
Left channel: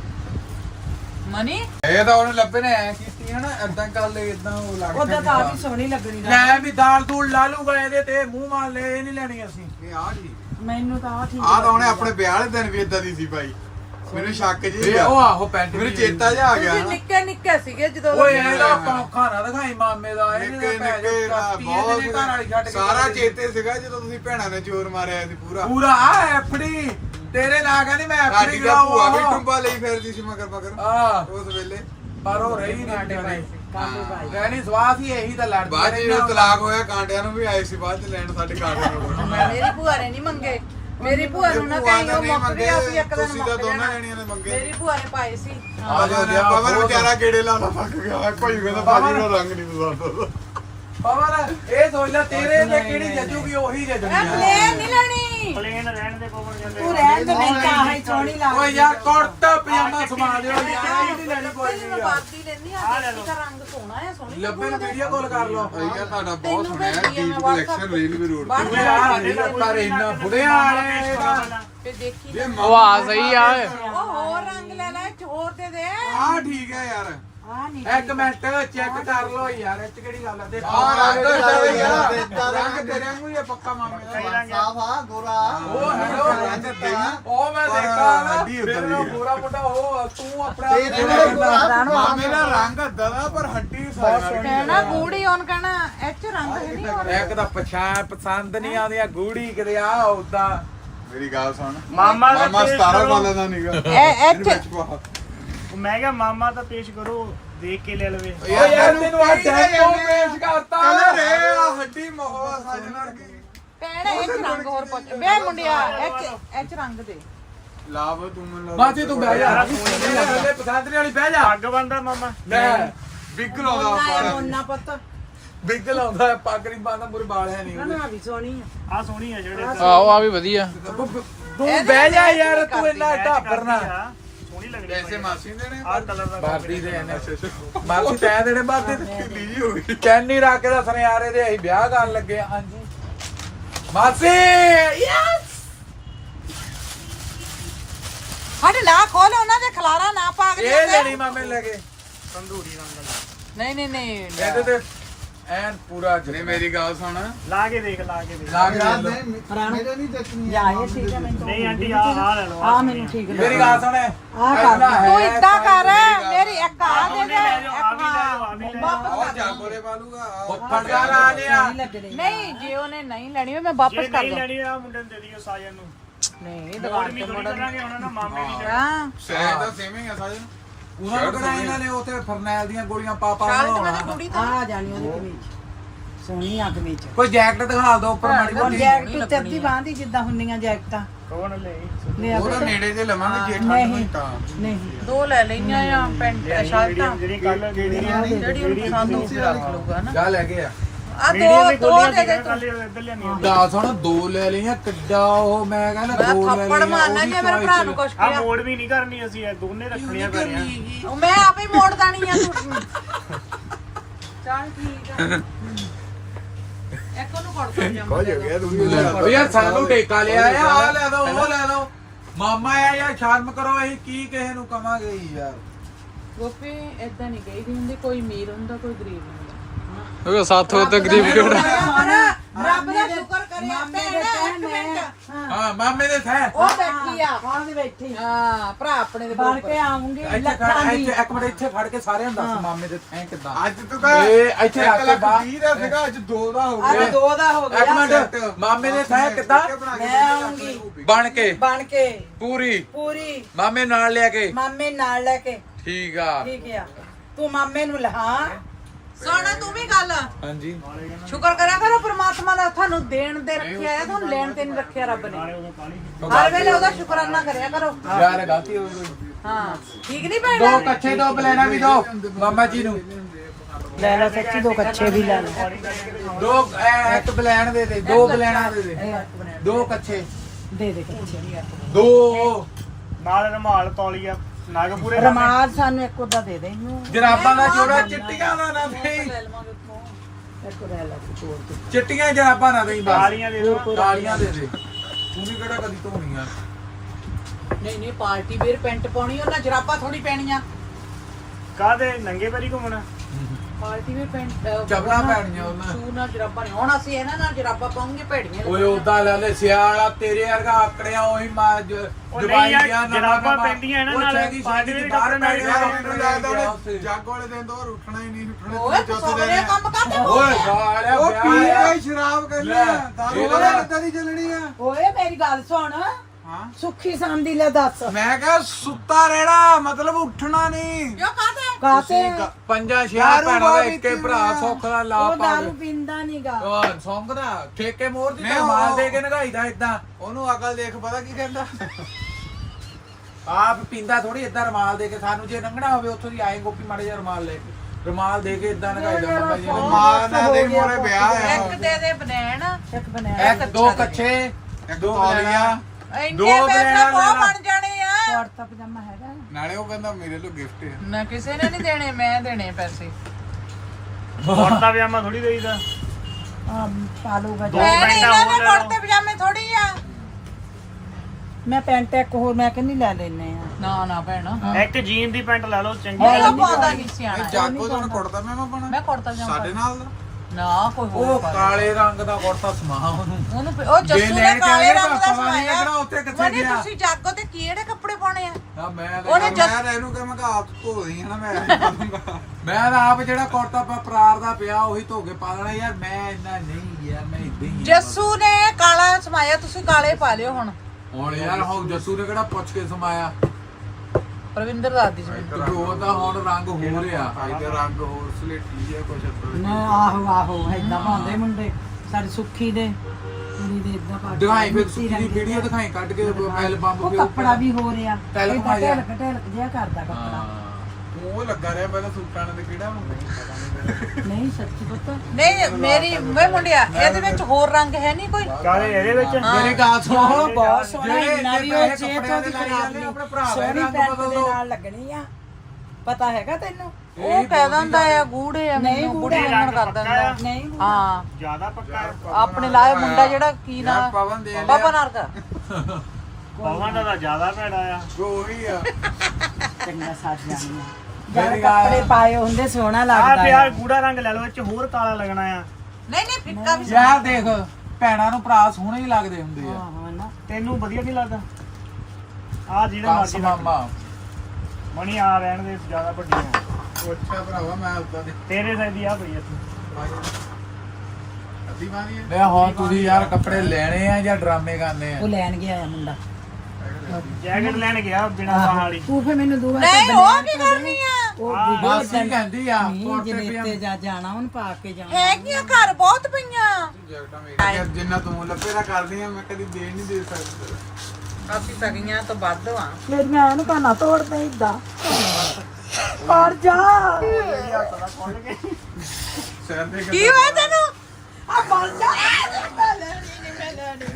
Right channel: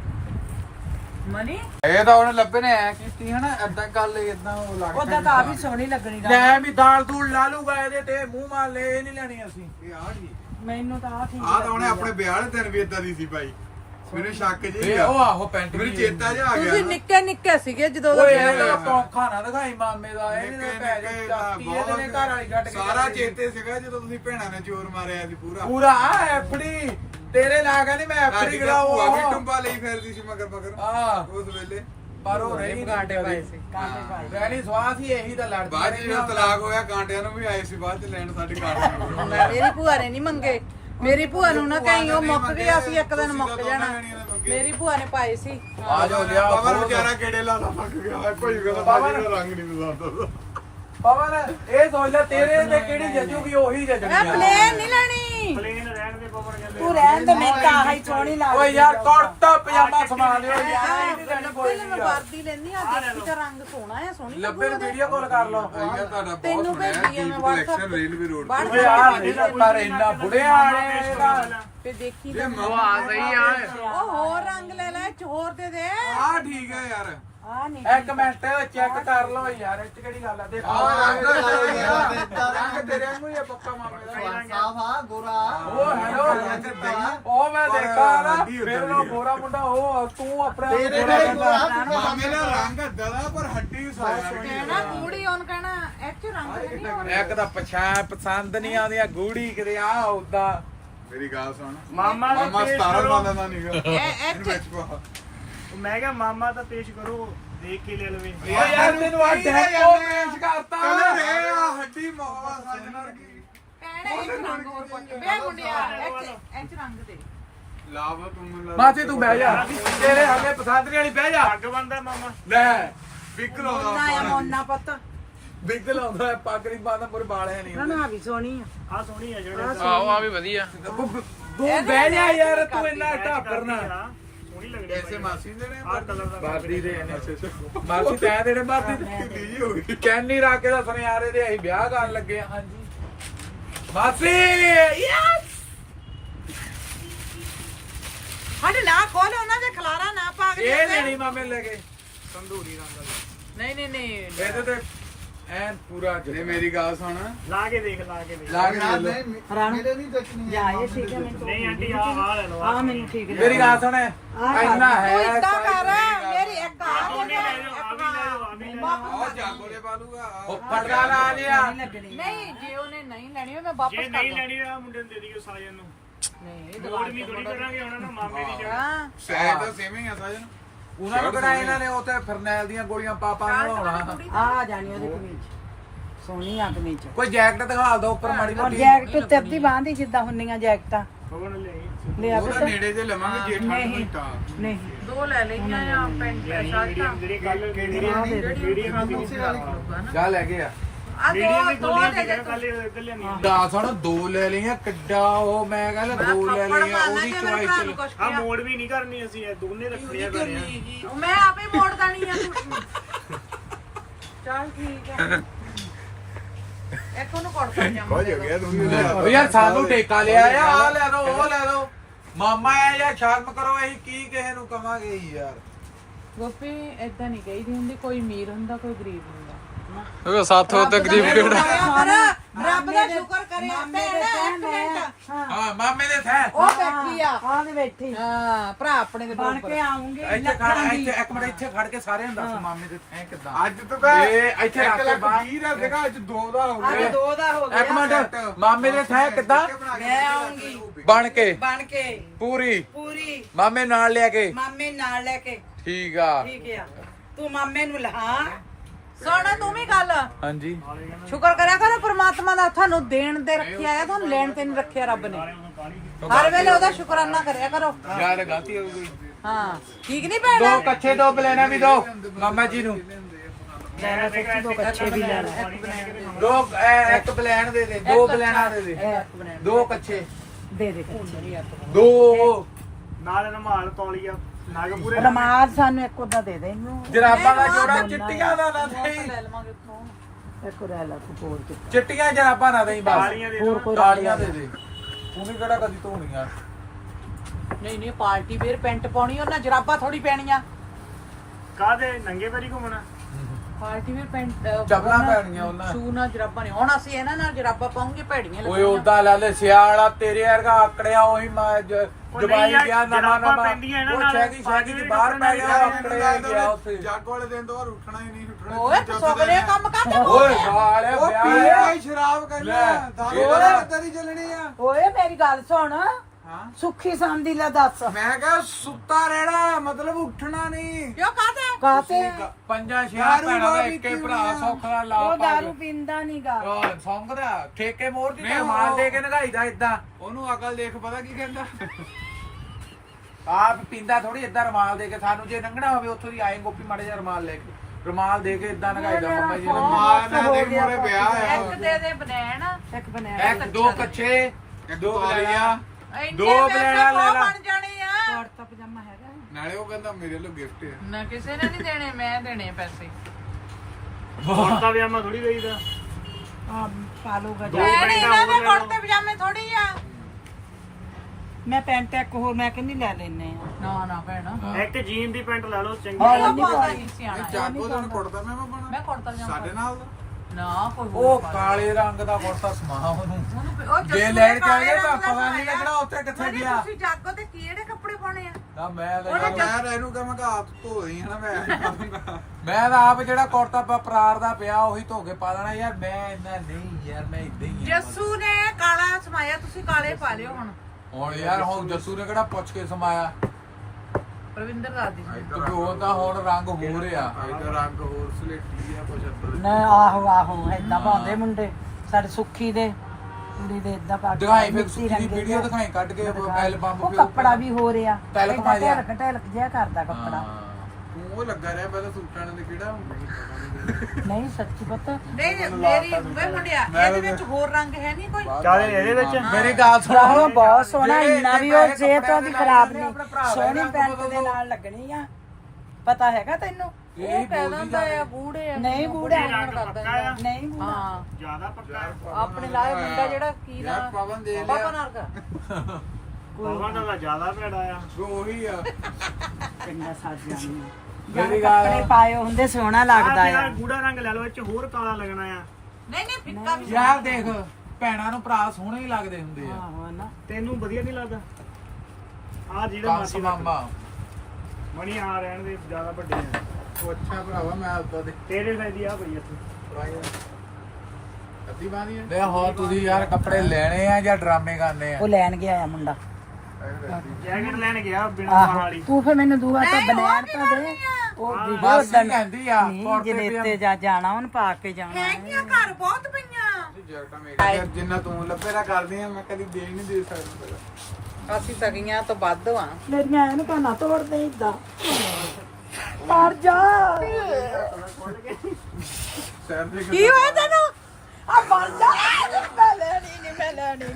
S3: ਮਨੀ
S2: ਇਹ ਤਾਂ ਉਹਨੇ ਲੱਭੇ ਨੇ ਐ ਕੀਤੀ ਹੈ ਨਾ ਏਦਾਂ ਗੱਲ ਏਦਾਂ ਉਹ ਲੱਗਦਾ
S3: ਉਹਦਾ ਤਾਂ ਆਪ ਹੀ ਸੋਹਣੀ ਲੱਗਣੀ
S2: ਲੈ ਵੀ ਦਾਲ ਦੂਲ ਲਾ ਲੂਗਾ ਇਹਦੇ ਤੇ ਮੂੰਹ ਮਾਰ ਲੈ ਇਹ ਨਹੀਂ ਲੈਣੀ ਅਸੀਂ
S4: ਇਹ ਆ ਠੀਕ
S3: ਮੈਨੂੰ ਤਾਂ ਆ ਠੀਕ
S4: ਆ ਤਾਂ ਉਹਨੇ ਆਪਣੇ ਵਿਆਹ ਵਾਲੇ ਦਿਨ ਵੀ ਇਦਾਂ ਦੀ ਸੀ ਭਾਈ ਮੈਨੂੰ ਸ਼ੱਕ ਜੀ
S2: ਇਹ ਉਹ ਆਹੋ ਪੈਂਟ
S4: ਮੈਨੂੰ ਚੇਤਾ ਜਿਹਾ ਆ ਗਿਆ
S3: ਤੁਸੀਂ
S4: ਨਾ
S3: ਨਿੱਕੇ ਨਿੱਕੇ ਸੀਗੇ ਜਦੋਂ
S2: ਓਏ ਇਹਦਾ ਪੌਖਾ ਨਾ ਦਿਖਾਈ ਮਾਮੇ ਦਾ ਇਹ
S4: ਨਿੱਕੇ
S2: ਭੈ ਜਾ
S4: ਨਿੱਕੇ
S2: ਕਾਪੀ ਇਹਦੇ ਘਰ ਵਾਲੀ ਛੱਡ ਕੇ
S4: ਸਾਰਾ ਚੇਤੇ ਸੀਗਾ ਜਦੋਂ ਤੁਸੀਂ ਭੈਣਾਂ ਨੇ ਚੋਰ ਮਾਰਿਆ ਸੀ ਪੂਰਾ
S2: ਪੂਰਾ ਆ ਐਫੜੀ ਤੇਰੇ ਲਾ ਕੇ ਨਹੀਂ ਮੈਂ ਐਫੜੀ
S4: ਸਾਡੀ
S2: ਗਲਾ
S4: ਭੂਆ ਵੀ
S2: ਉਹ
S4: ਟੁੰਬਾ ਲਈ ਫਿਰਦੀ ਸੀ ਮਗਰ
S2: ਆ
S4: ਉਸ ਵੇਲੇ
S2: ਪਰ ਉਹ ਰਹੀ ਨਹੀਂ ਕਦੇ ਰਹਿਣੀ ਸਵਾਸ ਹੀ ਇਹੀ ਤਾਂ ਲੜਦੀ
S4: ਬਾਅਦ ਜਦੋਂ ਤਲਾਕ ਹੋਇਆ ਕਾਂਟਿਆਂ ਨੂੰ ਵੀ ਆਏ ਸੀ ਬਾਅਦ ਚ ਲੈਣ ਸਾਡੇ ਕਾਂਟਿਆਂ ਨੂੰ
S3: ਮੇਰੀ ਭੂਆ ਨੇ ਨਹੀਂ ਮੰਗੇ ਮੇਰੀ ਭੂਆ ਨੂੰ ਨਾ ਕਹੀਂ ਉਹ ਮੁੱਕ ਗਿਆ ਸੀ ਇੱਕ ਦਿਨ
S4: ਤੁਸੀਂ
S3: ਮੁੱਕ
S4: ਤਾਂ ਦੋਵੇਂ
S3: ਜਾਣਾ
S4: ਜਣੀਆਂ ਨੇ ਮੰਗੇ
S3: ਮੇਰੀ ਭੂਆ ਨੇ ਪਾਏ ਸੀ
S2: ਆ ਜਾ ਲਿਆ
S4: ਪਵਨ ਵਿਚਾਰਾ ਗੇੜੇ ਲਾ ਲਾ ਫੱਕ ਗਿਆ ਕੋਈ ਕਹਿੰਦਾ ਬਾਜੀ ਦਾ ਰੰਗ ਨਹੀਂ ਪਸੰਦ
S2: ਪਵਨ ਇਹ ਸੋਚ ਲੈ ਤੇਰੇ ਤੇ ਕਿਹੜੀ ਜੱਜੂਗੀ ਉਹੀ ਜੱਜਣੀ
S3: ਇਹ
S2: ਆ
S3: ਪਲੇਨ ਨਹੀਂ ਲੈਣੀ
S5: ਪਲੇਨ ਰਹਿਣ ਦੇ ਕੋਵਰ ਕਹਿੰਦੇ
S3: ਤੂੰ ਰਹਿਣ ਦੇ ਮੈਨੂੰ ਤਾਂ ਆਹੀ ਸੋਹਣੀ ਲੱਗਦੀ
S2: ਓਏ ਯਾਰ ਕੁੜਤਾ ਪਜਾਮਾ ਸਮਾ ਦਿਓ ਯਾਰ ਇਹ ਨਹੀਂ ਲੈਣੀ ਕੋਈ
S3: ਤੈਨੂੰ
S2: ਨਹੀਂ ਆ
S3: ਬਾਦੀ ਲੈਣੀ ਆ ਦੇਖੀ ਤਾਂ ਰੰਗ ਸੋਹਣਾ ਆ ਸੋਹਣੀ
S2: ਲੱਭੇ ਨੂੰ ਵੀਡੀਓ ਕਾਲ ਕਰ ਲਓ
S4: ਆਈਆ ਤੁਹਾਡਾ ਬਹੁਤ ਸੁਣਿਆ ਦੀਪ ਕਲੈਕਸ਼ਨ ਰੇਲਵੇ ਰੋਡ ਤੇ
S2: ਓਏ ਆ ਇਹ ਪਰ ਇੰਨਾ ਬੁੜਿਆ ਵਾਲੇ ਦਾ
S3: ਤੇ ਦੇਖੀ
S4: ਜੇ
S1: ਉਹ ਆ ਸਹੀ ਆ
S3: ਉਹ ਹੋਰ ਰੰਗ ਲੈ ਲੈ ਚੋਰ ਦੇ ਦੇ
S4: ਆ ਠੀਕ ਹੈ ਯਾਰ
S3: ਆ ਨਹੀਂ
S2: ਇੱਕ ਮਿੰਟ ਚੈੱਕ ਕਰ ਲਓ ਯਾਰ ਇਹ ਚ ਕਿਹੜੀ ਗੱਲ ਆ ਦੇਖ
S4: ਆਹ ਰੰਗ
S2: ਰੰਗ ਤੇਰੇ ਵਾਂਗੂ ਹੀ ਆ ਪੱਕਾ ਮਾਮੇ ਦਾ
S6: ਸਾਫ ਆ ਗੋਰਾ
S2: ਉਹ ਹੈਲੋ ਉਹ ਮੈਂ ਦੇਖਾ ਨਾ ਫਿਰ ਉਹ ਗੋਰਾ ਮੁੰਡਾ ਉਹ ਤੂੰ ਆਪਣਾ
S4: ਮਾਮੇ ਦਾ ਰੰਗ ਅੱਦਾ ਦਾ ਪਰ ਹੱਡੀ ਸੋਹਣੀ
S3: ਕਹਿਣਾ ਗੂੜੀ ਉਹਨ ਕਹਿਣਾ ਐਚ ਰੰਗ ਨਹੀਂ ਹੋਣਾ
S2: ਇੱਕ ਤਾਂ ਪਛਾਣ ਪਸੰਦ ਨਹੀਂ ਆਉਂਦੀਆਂ ਗੂੜੀ ਕਿਤੇ ਆ ਉਦਾਂ
S4: ਮੇਰੀ ਗੱਲ ਸੁਣ
S5: ਮਾਮਾ ਦਾ
S4: ਮਾਮਾ
S5: taste
S4: 17
S5: ਕਰੋ।
S4: ਸਾਲਾਂ ਦਾ ਨੀਗਾ
S3: ਇਹ
S4: ਇਹਨੂੰ ਵਿੱਚ ਪਾ
S5: ਮੈਂ ਕਿਹਾ ਮਾਮਾ ਤਾਂ ਪੇਸ਼ ਕਰੋ ਦੇਖ ਕੇ ਲੈ ਲਵੇ
S2: ਓ ਯਾਰ ਤੈਨੂੰ ਆ ਡੈਮੋ ਪੇਸ਼ ਕਰਤਾ
S4: ਕਹਿੰਦਾ ਰੇ ਆ ਹੱਡੀ ਮੋਹਵਾ ਸਾਜਣ ਲੱਗੀ
S3: ਕਹਿਣਾ ਐਚ ਰੰਗ ਹੋਰ ਪੁੱਛ ਮੈਂ ਮੁੰਡਿਆ ਐਚ ਰੰਗ ਦੇ
S4: ਲਾਭ ਤੂੰ ਮੈਨੂੰ
S2: ਮਾਸੀ ਤੂੰ ਬਹਿ ਜਾ ਤੇਰੇ ਹੱਲੇ ਪਸੰਦ ਨਹੀਂ ਵਾਲੀ ਬਹਿ ਜਾ
S5: ਅੱਗ ਬੰਦਾ ਮਾਮਾ
S2: ਲੈ
S4: ਬਿੱਗ
S3: ਨਾ ਆ
S4: ਲਾਉਂਦਾ
S3: ਮੋਨਾ ਪੁੱਤ
S2: ਬਿੱਗ ਲਾਉਂਦਾ ਹੈ, ਪੱਗ ਨਹੀਂ ਪਾਉਂਦਾ ਮੁਰ ਬਾਲਿਆ ਨਹੀਂ ਉਹਦੇ।
S3: ਵੀ ਸੋਹਣੀ ਆ
S5: ਆ ਸੋਹਣੀ ਆ ਜਿਹੜੇ
S1: ਆਓ ਆ ਵੀ ਵਧੀਆ
S2: ਤੂੰ ਬਹਿ ਜਾ ਯਾਰ ਤੂੰ ਇੰਨਾ ਢਾਬਰਨਾ
S5: ਸੋਹਣੀ ਲੱਗਦੀ
S4: ਐਸੇ ਮਾਸੀ ਦੇ ਨੇ
S5: ਆ ਕਲਰ ਦਾ
S2: ਬਾਰਦੀ ਦੇ ਨੇ ਮਾਸੀ ਤੈਂ ਦੇਣੇ ਬਾਰਦੀ
S4: ਲੀਜੀ ਹੋ ਗਈ
S2: ਚੈਨੀ ਰੱਖ ਕੇ ਦਾ ਸੁਨਿਆਰੇ ਦੇ ਅਸੀਂ ਵਿਆਹ ਕਰਨ ਲੱਗੇ ਆ। ਹਾਂਜੀ ਮਾਸੀ ਯੈਸ
S3: ਹਟ ਨਾ ਖੋਲ ਉਹਨਾਂ ਦੇ ਖਲਾਰਾ ਨਾ ਪਾਗ
S2: ਇਹ ਲੈਣੀ ਮਾਮੇ ਲੈ ਕੇ
S5: ਤੰਦੂਰੀ ਰੰਗ
S3: ਨਹੀਂ
S2: ਇਹਦੇ ਤੇ ਐਨ ਪੂਰਾ
S4: ਨੇ ਮੇਰੀ ਗੱਲ ਸੁਣ
S5: ਲਾ ਕੇ ਦੇਖ ਲਾ ਕੇ ਦੇਖ
S2: ਲਾ ਕੇ
S6: ਯਾਰ
S2: ਦੇ ਲਓ।
S6: ਮੇਰੇ ਨਹੀਂ ਦੇਖਣੀ
S3: ਜਾ ਇਹ ਠੀਕ ਹੈ ਮੈਨੂੰ
S5: ਨਹੀਂ ਆਂਟੀ ਆ ਲੈ ਲਓ
S3: ਆ ਮੈਨੂੰ ਠੀਕ
S2: ਮੇਰੀ ਗੱਲ ਸੁਣ
S3: ਆ
S2: ਇੰਨਾ
S3: ਕਰ
S2: ਹੈ
S3: ਤੂੰ ਇਦਾਂ ਕਰ
S2: ਸਾਰੀ
S3: ਮੇਰੀ ਇੱਕ ਆ ਦੇ ਦੇ
S5: ਆ ਵੀ ਲੈ ਲਓ ਆ ਵੀ ਲੈ ਲਓ
S4: ਆਹ ਜਾਗੋਰੇ ਪਾਲੂਗਾ
S2: ਫੁੱਫੜ ਦਾ ਲਾ ਲਿਆ
S3: ਨਹੀਂ ਜੇ ਉਹਨੇ ਨਹੀਂ ਲੈਣੀ ਮੈਂ
S5: ਜੇ
S3: ਵਾਪਸ ਕਰ
S5: ਨਹੀਂ
S3: ਦੂੰ
S5: ਲੈਣੀ ਆ ਮੁੰਡੇ ਨੂੰ ਦੇ ਦਿਓ ਸਾਜਨ ਨੂੰ
S3: ਨਹੀਂ
S5: ਲੋੜ ਨਹੀਂ ਥੋੜੀ ਕਰਾਂਗੇ ਉਹਨਾਂ ਨਾਲ ਮਾਮੇ ਦੀ
S3: ਹਾਂ
S4: ਸ਼ਾਇਦ ਤਾਂ ਸੇਮ ਹੀ ਆ ਸਾਜਨ
S2: ਉਹਨਾਂ ਨੂੰ ਕਿਹੜਾ ਇਹਨਾਂ ਨੇ ਉੱਥੇ ਫਰਨੈਲ ਦੀਆਂ ਗੋਲੀਆਂ ਪਾ ਪਾ
S3: ਕਾਲ
S2: ਬਣਾਉਣਾ
S3: ਕੁੜੀ
S7: ਆ ਜਾਣੀ ਉਹਦੇ ਕਮੀਜ਼ ਸੋਹਣੀ ਆ ਕਮੀਜ਼
S2: ਕੋਈ ਜੈਕਟ ਦਿਖਾ ਦਿਓ ਉੱਪਰ ਮਾੜੀ ਮੋਟੀ
S7: ਜੈਕਟ ਤੇ ਅੱਧੀ ਬਾਂਹ ਦੀ ਜਿੱਦਾਂ ਹੁੰਦੀਆਂ ਜੈਕਟਾਂ
S5: ਫੋਨ ਲੈ
S7: ਲਿਆ
S4: ਉਹਦਾ
S7: ਪੁੱਤ
S4: ਨੇੜੇ ਜੇ ਲਵਾਂਗੇ ਜੇ ਠੰਡ
S7: ਨਹੀਂ
S4: ਨਹੀਂ ਤਾਂ
S7: ਨਹੀਂ
S3: ਦੋ ਲੈ ਲਈਆਂ ਆ ਪੈਂਟ ਸ਼ਰਟਾਂ
S5: ਜਿਹੜੀ ਕੱਲ ਜਿਹੜੀ
S3: ਜਿਹੜੀ ਪਸੰਦ ਹੋਊਗੀ ਰੱਖ ਲਊਗਾ ਨਾ
S2: ਗੱਲ ਹੈਗੇ ਆ
S3: ਆ ਦੋ ਦੇ ਦੇ ਤੂੰ
S5: ਇੱਧਰ ਲਿਆਨੀ
S2: ਦਾ ਸੁਣ ਦੋ ਲੈ ਲਈਆਂ ਕਿੱਡਾ ਉਹ ਮੈਂ ਕਹਿੰਦਾ ਦੋ ਲੈ
S3: ਥੱਪੜ
S2: ਲਈਆਂ
S3: ਮਾਰਨਾ
S2: ਉਹਦੀ
S3: ਜੇ ਮੇਰੇ ਭਰਾ ਨੂੰ ਕੁਛ
S5: ਆ
S3: ਕਿਹਾ
S5: ਮੋੜ ਵੀ ਨਹੀਂ ਕਰਨੀ ਅਸੀਂ ਇਹ ਦੋਨੇ ਰੱਖਣੀਆਂ ਪੈਣੀਆਂ
S3: ਉਹ ਮੈਂ ਆਪੇ ਹੀ ਮੋੜ ਦੇਣੀ ਆ ਤੂੰ ਚੱਲ ਠੀਕ ਹੈ ਇੱਕ ਉਹਨੂੰ ਕੋੜ ਕਰ ਜਾ
S4: ਕੁਝ ਹੋ ਗਿਆ ਤੂੰ ਵੀ
S2: ਯਾਰ ਸਾਨੂੰ ਟੇਕਾ ਲਿਆ ਆ ਲੈ ਦੋ ਉਹ ਲੈ ਦੋ ਮਾਮਾ ਆ ਯਾਰ ਸ਼ਰਮ ਕਰੋ ਅਸੀਂ ਕੀ ਕਿਸੇ ਨੂੰ ਕਵਾਂਗੇ ਯਾਰ
S8: ਗੋਪੀ ਇਦਾਂ ਨਹੀਂ ਕਹੀਦੀ ਹੁੰਦੀ ਕੋਈ ਅਮੀਰ ਹੁੰਦਾ ਕੋਈ ਗਰੀਬ ਹੁੰਦਾ
S1: ਉਹ ਸਾਥੋਂ ਤੇ ਗਰੀਬ ਕਿਹੜਾ
S3: ਰੱਬ ਦਾ ਸ਼ੁਕਰ ਕਰੀ ਆਪੇ ਨਾ ਇੱਕ ਮਿੰਟ
S2: ਹਾਂ ਮਾਮੇ ਦੇ ਥੈ
S3: ਉਹ ਬੈਠੀ ਗਿਆ
S7: ਆ ਵੀ ਬੈਠੀ
S3: ਹਾਂ ਭਰਾ ਆਪਣੇ ਦੇ
S7: ਬਣ ਕੇ ਆਉਂਗੇ
S2: ਇੱਥੇ
S7: ਲੱਖਾਂ ਦੀ
S2: ਇੱਕ ਮਿੰਟ ਇੱਥੇ ਖੜ ਕੇ ਸਾਰਿਆਂ ਨੂੰ ਦੱਸ ਮਾਮੇ ਦੇ ਐ ਕਿੱਦਾਂ
S4: ਅੱਜ ਤੂੰ ਕਹ
S2: ਇਹ ਇੱਥੇ ਰੱਖ ਕੇ ਬਾਹਰ
S4: 20 ਦਾ ਸੀਗਾ ਅੱਜ 2 ਦਾ ਹੋ
S7: ਅੱਜ
S4: ਗਿਆ
S7: 2 ਦਾ ਹੋ
S2: ਇੱਕ
S7: ਗਿਆ
S2: ਮਿੰਟ ਮਾਮੇ ਦੇ ਥਾਂ ਕਿੱਦਾਂ
S7: ਮੈਂ ਆਉਂਗੀ
S2: ਬਣ ਕੇ
S7: ਬਣ ਕੇ
S2: ਪੂਰੀ
S7: ਪੂਰੀ
S2: ਮਾਮੇ ਨਾਲ ਲਿਆ ਕੇ
S7: ਮਾਮੇ ਨਾਲ ਲੈ ਕੇ
S2: ਠੀਕ ਆ
S7: ਠੀਕ ਆ ਤੂੰ ਮਾਮੇ ਨੂੰ ਲਹਾ
S3: ਸੁਣ ਤੂੰ ਵੀ ਗੱਲ
S2: ਹਾਂਜੀ
S3: ਸ਼ੁਕਰ ਕਰਿਆ ਕਰੋ ਪ੍ਰਮਾਤਮਾ ਦਾ ਤੁਹਾਨੂੰ ਦੇਣ ਦੇ ਰੱਖਿਆ ਹੈ ਤੁਹਾਨੂੰ ਲੈਣ ਤੇ ਨਹੀਂ ਰੱਖਿਆ ਰੱਬ ਨੇ ਹਰ ਵੇਲੇ ਉਹਦਾ ਸ਼ੁਕਰਾਨਾ ਕਰਿਆ ਕਰੋ
S2: ਯਾਰ ਗਲਤੀ ਹੋ ਗਈ
S3: ਹਾਂ ਠੀਕ ਨਹੀਂ ਭੈਣ
S2: ਦੋ ਕੱਛੇ ਦੋ ਬਲੈਣਾ ਵੀ ਦੋ ਮਾਮਾ ਜੀ ਨੂੰ
S7: ਲੈ ਲੈ ਸੱਚੀ 2 ਕੱਛੇ ਵੀ ਲੈ ਲੈ
S2: ਦੋ ਇੱਕ ਬਲੈਣ ਦੇ ਦੇ ਦੋ ਬਲੈਣਾ ਦੇ ਦੇ ਦੋ ਕੱਛੇ
S7: ਦੇ ਦੇ ਕੱਛੇ
S2: ਦੋ
S5: ਨਾਲ ਰਮਾਲ ਤੌਲੀਆ ਨਾਗ ਪੂਰੇ
S7: ਰਮਾਲ ਸਾਨੂੰ ਇੱਕ ਉਹਦਾ ਦੇ ਦੇ ਇਹਨੂੰ
S2: ਜਰਾਬਾਂ ਦਾ ਜੋੜਾ ਚਿੱਟੀਆਂ ਦਾ ਨਾ ਦੇਈ ਚਿੱਟੀਆਂ ਜਰਾਬਾਂ ਨਾ ਦੇਈ ਬਸ
S5: ਤਾਲੀਆਂ ਦੇ ਦਿਓ।
S2: ਤਾਲੀਆਂ ਦੇ ਦੇ ਤੂੰ ਵੀ ਕਿਹੜਾ ਕਦੀ ਧੋਣੀਆਂ
S3: ਨਹੀਂ ਨਹੀਂ ਪਾਰਟੀ ਵੇਅਰ ਪੈਂਟ ਪਾਉਣੀ ਉਹਨਾਂ ਜਰਾਬਾਂ ਥੋੜੀ ਪੈਣੀਆਂ
S5: ਕਾਹਦੇ ਨੰਗੇ ਪੈਰੀ ਘੁੰਮਣਾ
S3: ਪਾਰਟੀ ਵੇਅਰ ਪੈਂਟ
S2: ਚੱਪਲਾਂ ਪੈਣੀਆਂ ਉਹਨਾਂ
S3: ਸ਼ੂ ਨਾਲ ਜਰਾਬਾਂ ਨੇ ਹੁਣ ਅਸੀਂ ਇਹਨਾਂ ਨਾਲ ਜਰਾਬਾਂ ਪਾਉਂਗੇ ਭੈੜੀਆਂ
S2: ਓਏ ਉਦਾਂ ਲੈ ਲੈ ਸਿਆਲਾ ਤੇਰੇ ਵਰਗਾ ਆਕੜਿਆ ਉਹੀ ਜਵਾਈ
S5: ਯਾਰ,
S2: ਗਿਆ ਨਵਾਂ
S5: ਜਰਾਬਾਂ
S2: ਨਵਾਂ
S5: ਪੈਂਦੀਆਂ ਇਹਨਾਂ
S2: ਉਹ
S5: ਨਾਲ,
S2: ਸ਼ੈਗੀ ਸ਼ੈਗੀ ਚ ਬਾਹਰ ਪੈ ਗਿਆ ਆਕੜਿਆ ਗਿਆ ਉੱਥੇ
S4: ਜੱਗ ਵਾਲੇ ਦਿਨ ਤੋਂ ਬਾਅਦ ਉੱਠਣਾ ਹੀ ਨਹੀਂ ਉੱਠਣੇ
S3: ਓਏ
S4: ਤੇ ਚੌਥੇ
S3: ਸੋਹਣੇ
S4: ਦਿਨ
S3: ਕੰਮ ਕਰਦੇ
S2: ਓਏ ਸਾਲਿਆ
S4: ਉਹ ਪੀ
S2: ਵਿਆਹ
S4: ਕੇ ਸ਼ਰਾਬ ਕਰਨਾ
S2: ਲੈ,
S4: ਦਾਰੂ
S2: ਇਹ
S4: ਵਾਲੇ
S2: ਤਾਂ-
S4: ਕਿੱਦਾਂ ਦੀ ਚੱਲਣੀ ਆ
S7: ਓਏ ਮੇਰੀ ਗੱਲ ਸੁਣ
S4: ਹਾਂ
S7: ਸੁੱਖੀ ਸਾਂਦੀ ਲੈ ਦੱਸ
S4: ਮੈਂ ਕਿਹਾ ਸੁੱਤਾ ਰਹਿਣਾ ਮਤਲਬ ਉੱਠਣਾ ਨਹੀਂ
S3: ਕਿਉਂ ਕਾਹਦੇ
S7: ਕਾਤੇ
S2: ਪੰਜਾਂ ਛੇ
S4: ਦਾਰੂ
S2: ਭੈਣਾਂ ਦਾ
S4: ਬਾਹਰ
S2: ਇੱਕੇ
S4: ਪੀਤੀ
S2: ਭਰਾ
S4: ਹੋਈ ਆ।
S2: ਸੌਖਾ ਲਾ
S7: ਉਹ ਦਾਰੂ ਪੀਂਦਾ ਨੀਗਾ
S2: ਸੌਂਗਦਾ ਠੇਕੇ ਮੋਰ ਦੀ
S4: ਨਹੀਂ,
S2: ਮਾਲ
S4: ਉਹ-
S2: ਦੇ ਕੇ ਨਗਾਈਦਾ ਇਦਾਂ
S4: ਉਹਨੂੰ ਅਕਲ ਦੇਖ ਪਤਾ ਕੀ ਕਹਿੰਦਾ
S2: ਆਪ ਪੀਂਦਾ ਥੋੜੀ ਇਦਾਂ ਰਮਾਲ ਦੇ ਕੇ ਸਾਨੂੰ ਜੇ ਲੰਘਣਾ ਹੋਵੇ ਉੱਥੋਂ ਦੀ ਆਏ ਗੋਪੀ ਮਾੜੇ ਜਿਹਾ ਰਮਾਲ ਲੈ ਕੇ ਰਮਾਲ ਦੇ ਕੇ ਇਦਾਂ ਨਗਾਈਦਾ ਬਾਬਾ ਜੀ ਨੂੰ।
S4: ਮਾਰ ਨਾ ਦੇ ਮੋਣੇ ਵਿਆਹ ਹੈ
S3: ਇੱਕ ਦੇ ਦੇ ਬਨੈਣ
S7: ਇੱਕ ਬਣਿਆ
S2: ਇੱਕ ਦੋ ਕੱਛੇ ਦੋ ਬਲੈਣਾ
S3: ਇੰਨੇ
S2: ਦੋ
S3: ਪੈਸੇ
S2: ਬਨੈਣ
S3: ਬਹੁਤ
S2: ਲੈ
S3: ਬਣ ਜਾਣੇ ਆ
S7: ਕੁੜਤਾ ਪਜਾਮਾ ਹੈਗਾ
S4: ਨਾਲੇ ਉਹ ਕਹਿੰਦਾ ਮੇਰੇ ਲਈ ਗਿਫਟ ਹੈ
S3: ਨਾ ਕਿਸੇ ਨੇ ਨਹੀਂ ਦੇਣੇ ਮੈਂ ਦੇਣੇ ਪੈਸੇ
S5: ਕੁੜਤਾ ਪਜਾਮਾ ਥੋੜੀ ਦੇਈਦਾ
S7: ਆ ਪਾਲੂਗਾ ਜਾ
S3: ਮੈਂ ਨਹੀਂ ਇਹਨਾਂ ਦੇ ਕੁੜਤੇ ਪਜਾਮੇ ਥੋੜੀ ਆ
S7: ਮੈਂ ਪੈਂਟ ਇੱਕ ਹੋਰ ਮੈਂ ਕਹਿੰਦੀ ਲੈ ਲੈਨੇ ਆ
S3: ਨਾ ਨਾ ਭੈਣ
S5: ਇੱਕ ਜੀਨ ਦੀ ਪੈਂਟ ਲੈ ਲਓ ਚੰਗੀ
S3: ਨਹੀਂ ਉਹ ਪਾਉਂਦਾ ਨਹੀਂ ਸਿਆਣਾ
S4: ਜਾਗੋ ਦਾ ਕੁੜਦਾ ਮੈਂ ਪਾਣਾ
S3: ਮੈਂ ਕੁੜਤਾ ਪਜਾਮਾ
S4: ਸਾਡੇ ਨਾਲ ਦਾ
S3: ਨਾ ਕੋਈ ਹੋਰ
S2: ਉਹ ਕਾਲੇ ਰੰਗ ਦਾ ਕੁੜਤਾ ਸਮਾ ਉਹਨੂੰ
S3: ਉਹਨੂੰ ਉਹ
S2: ਜੇ
S3: ਜੱਸੂ
S2: ਲੈਣ
S3: ਨੇ
S2: ਕੇ
S3: ਕਾਲੇ
S2: ਆਏ
S3: ਰੰਗ
S2: ਤਾਂ
S3: ਦਾ
S2: ਪਤਾ ਨਹੀਂ
S3: ਸਮਾਇਆ
S2: ਲੱਗਣਾ ਉੱਥੇ ਕਿੱਥੇ
S3: ਮਨੀ
S2: ਗਿਆ
S3: ਤੁਸੀਂ ਜਾਗੋ ਤੇ ਕਿਹੜੇ ਕੱਪੜੇ ਪਾਉਣੇ ਆ
S2: ਆ ਮੈਂ
S3: ਉਹਨੇ
S2: ਤਾਂ
S4: ਮੈਂ ਤਾਂ ਇਹਨੂੰ ਕਹਾਂ ਮੈਂ ਹੱਥ ਧੋ ਦਈ ਹਨਾ ਮੈਂ ਪਾਉਂਗਾ
S2: ਮੈਂ ਤਾਂ ਆਪ ਜਿਹੜਾ ਕੁੜਤਾ ਪਰਾਰ ਦਾ ਪਿਆ ਉਹੀ ਧੋ ਕੇ ਪਾ ਲੈਣਾ ਯਾਰ ਮੈਂ ਇੰਨਾ ਨਹੀਂ ਯਾਰ ਮੈਂ ਇਦਾਂ ਹੀ ਆ
S3: ਜੱਸੂ ਨੇ ਕਾਲਾ ਸਮਾਇਆ ਤੁਸੀਂ ਕਾਲੇ ਪਾ ਲਿਓ
S2: ਹੁਣ ਯਾਰ ਹੁਣ ਜੱਸੂ ਨੇ ਕਿਹੜਾ ਪੁੱਛ ਕੇ ਸਮਾਇਆ
S3: ਪ੍ਰਵਿੰਦਰ ਦਾਦੀ ਸੀ
S2: ਕਿਉਂਕਿ ਉਹ ਤਾਂ ਹੁਣ ਰੰਗ ਹੋ ਰਿਹਾ
S4: ਇਹਦਾ ਰੰਗ ਹੋਰ ਸਲੇਟੀ ਆ ਕੁਛ ਅੰਦਰ
S7: ਨਾ ਆਹੋ ਆਹੋ ਏਦਾਂ ਪਾਉਂਦੇ ਮੁੰਡੇ ਸਾਡੇ ਸੁੱਖੀ ਦੇ ਕੁੜੀ ਦੇ ਏਦਾਂ ਪਾ ਕੇ
S2: ਦਿਖਾਈ ਫਿਰ
S7: ਮਿੱਟੀ
S2: ਸੁੱਕੀ ਦੀ
S7: ਰੰਗ ਦੇ
S2: ਵੀਡੀਓ ਦਿਖਾਈ ਕੱਢ ਕੇ ਐਲਬਮ
S7: ਉਹ ਕੱਪੜਾ ਵੀ ਹੋ ਰਿਹਾ
S2: ਟੈਲਕ
S7: ਏਦਾਂ
S2: ਮਾਰਿਆ।
S7: ਢਿਲਕ ਜਿਹਾ ਕਰਦਾ ਕੱਪੜਾ
S4: ਉਹ ਲੱਗਾ ਰਿਹਾ ਪਹਿਲਾਂ ਸੂਟਾਂ ਦੇ ਕਿਹੜਾ ਪਤਾ ਨਹੀਂ
S7: ਨਹੀਂ ਸੱਚੀ ਪਤਾ
S3: ਨਹੀਂ ਮੇਰੀ ਵੇ ਮੁੰਡਿਆ ਇਹਦੇ ਵਿੱਚ ਹੋਰ ਰੰਗ ਹੈ ਨਹੀਂ ਕੋਈ
S5: ਕਾਹਦੇ ਇਹਦੇ ਵਿੱਚ
S2: ਮੇਰੀ ਗੱਲ ਸੁਣੋ
S7: ਉਹ ਬਹੁਤ ਸੋਹਣਾ
S2: ਜਿਹੜੇ
S7: ਇੰਨਾ ਵੀ
S2: ਪੈਸੇ
S7: ਉਹ ਸਿਹਤ ਉਹਦੀ
S2: ਕੱਪੜਿਆਂ
S7: ਖਰਾਬ
S2: ਦੇ
S7: ਨਹੀਂ
S2: ਆਪਣੇ ਭਰਾ ਦੇ
S7: ਸੋਹਣੀ
S2: ਰੰਗ
S7: ਪੈਂਟ
S2: ਬਦਲ
S7: ਦੇ
S2: ਦਿਓ।
S7: ਨਾਲ ਲੱਗਣੀ ਆ ਪਤਾ ਹੈਗਾ ਤੈਨੂੰ
S3: ਉਹ ਕਹਿ ਦਿੰਦਾ ਆ ਗੂੜੇ ਆ
S7: ਨਹੀਂ ਗੂੜੇ
S3: ਰੰਗ ਕਰ ਦਿੰਦਾ
S7: ਨਹੀਂ ਬੁਰਾ।
S3: ਹਾਂ
S5: ਜ਼ਿਆਦਾ ਪੱਕਾ
S3: ਆਪਣੇ ਲਾਏ ਮੁੰਡਾ ਜਿਹੜਾ ਕੀ ਨਾ
S4: ਯਾਰ ਪਵਨ ਦੇ ਲਿਆ
S3: ਬਾਬਾ ਨਾਰਕਾ
S5: ਪਵਨ ਦਾ ਜ਼ਿਆਦਾ ਭੈੜਾ ਆ
S4: ਉਹੀ ਆ
S7: ਚੰਗਾ ਸਾਜ ਜਾਣੀ
S2: ਮੇਰੀ
S7: ਜਿਹੜੇ
S2: ਗੱਲ-
S7: ਕੱਪੜੇ ਪਾਏ ਹੁੰਦੇ ਸੋਹਣਾ
S5: ਆ
S7: ਲੱਗਦਾ
S5: ਯਾਰ
S7: ਆ
S5: ਗੂੜਾ ਰੰਗ ਲੈ ਲਓ ਇਹ ਚ ਹੋਰ ਕਾਲਾ ਲੱਗਣਾ ਆ
S3: ਨਹੀਂ ਨਹੀਂ ਫਿੱਕਾ ਵੀ
S2: ਯਾਰ ਦੇਖ ਭੈਣਾਂ ਨੂੰ ਭਰਾ ਸੋਹਣੇ ਹੀ ਲੱਗਦੇ ਹੁੰਦੇ ਆ
S7: ਆਹੋ ਨਾ
S5: ਤੈਨੂੰ ਵਧੀਆ ਨਹੀਂ ਲੱਗਦਾ ਆ ਜਿਹੜੇ
S2: ਕਾਸ
S5: ਮਰਜ਼ੀ
S2: ਮਾਮਾ
S5: ਮਣੀ ਆ ਰਹਿਣ ਦੇ ਜ਼ਿਆਦਾ ਵੱਡੀਆਂ
S4: ਉਹ ਅੱਛਾ ਭਰਾਵਾ ਮੈਂ ਉਦਾਂ ਦੇ
S5: ਤੇਰੇ ਸਾਈਜ਼ ਦੀ ਆ ਪਈ ਇੱਥੇ
S4: ਅੱਧੀ ਬਾਣੀ ਹੈ
S2: ਲੈ ਹੁਣ ਤੁਸੀਂ ਯਾਰ ਕੱਪੜੇ ਲੈਣੇ ਆ ਜਾਂ ਡਰਾਮੇ ਕਰਨੇ ਆ
S7: ਉਹ ਲੈਣ ਗਿਆ ਆ ਮੁੰਡਾ
S5: ਜੈਕਟ ਲੈਣ ਗਿਆ ਬਿਨਾਂ ਬਾਹਾਂ
S7: ਆਹੋ
S5: ਵਾਲੀ
S7: ਤੂੰ ਫੇ ਮੈਨੂੰ ਦੂਆ
S3: ਨਹੀਂ
S7: ਤੇ
S3: ਉਹ
S7: ਬਨੈਣ
S3: ਕੀ
S7: ਤਾਂ ਦੇ
S3: ਕਰਨੀ ਆ
S7: ਉਹ
S2: ਮਾਸੀ ਕਹਿੰਦੀ ਆ ਕੁੜਤੇ
S7: ਜਨੇਤੇ ਜਾ ਜਾਣਾ ਉਹਨੂੰ ਪਾ ਕੇ ਜਾਣਾ
S3: ਹੈਗੀਆਂ ਘਰ ਬਹੁਤ ਪਈਆਂ
S4: ਜੈਕਟਾਂ ਮੇਰੀਆਂ ਜਿੰਨਾ ਤੂੰ ਲੱਪੇਰਾ ਕਰਦੀ ਆ ਮੈਂ ਕਦੀ ਦੇ ਨਹੀਂ ਦੇ ਸਕਦਾ
S3: ਅਸੀਂ ਸਗੀਆਂ ਤੋਂ ਵੱਧ ਆ
S7: ਮੇਰੀਆਂ ਇਹਨੂੰ ਤਾਂ ਨਾ ਤੋੜਦੇ ਇਦਾਂ ਪਰ ਜਾ
S4: ਸਿਰ ਦੇ
S3: ਕੀ ਹੋਇਆ ਤੈਨੂੰ
S7: ਆ ਮਰ ਜਾ ਮੈਂ ਲੈਣੀ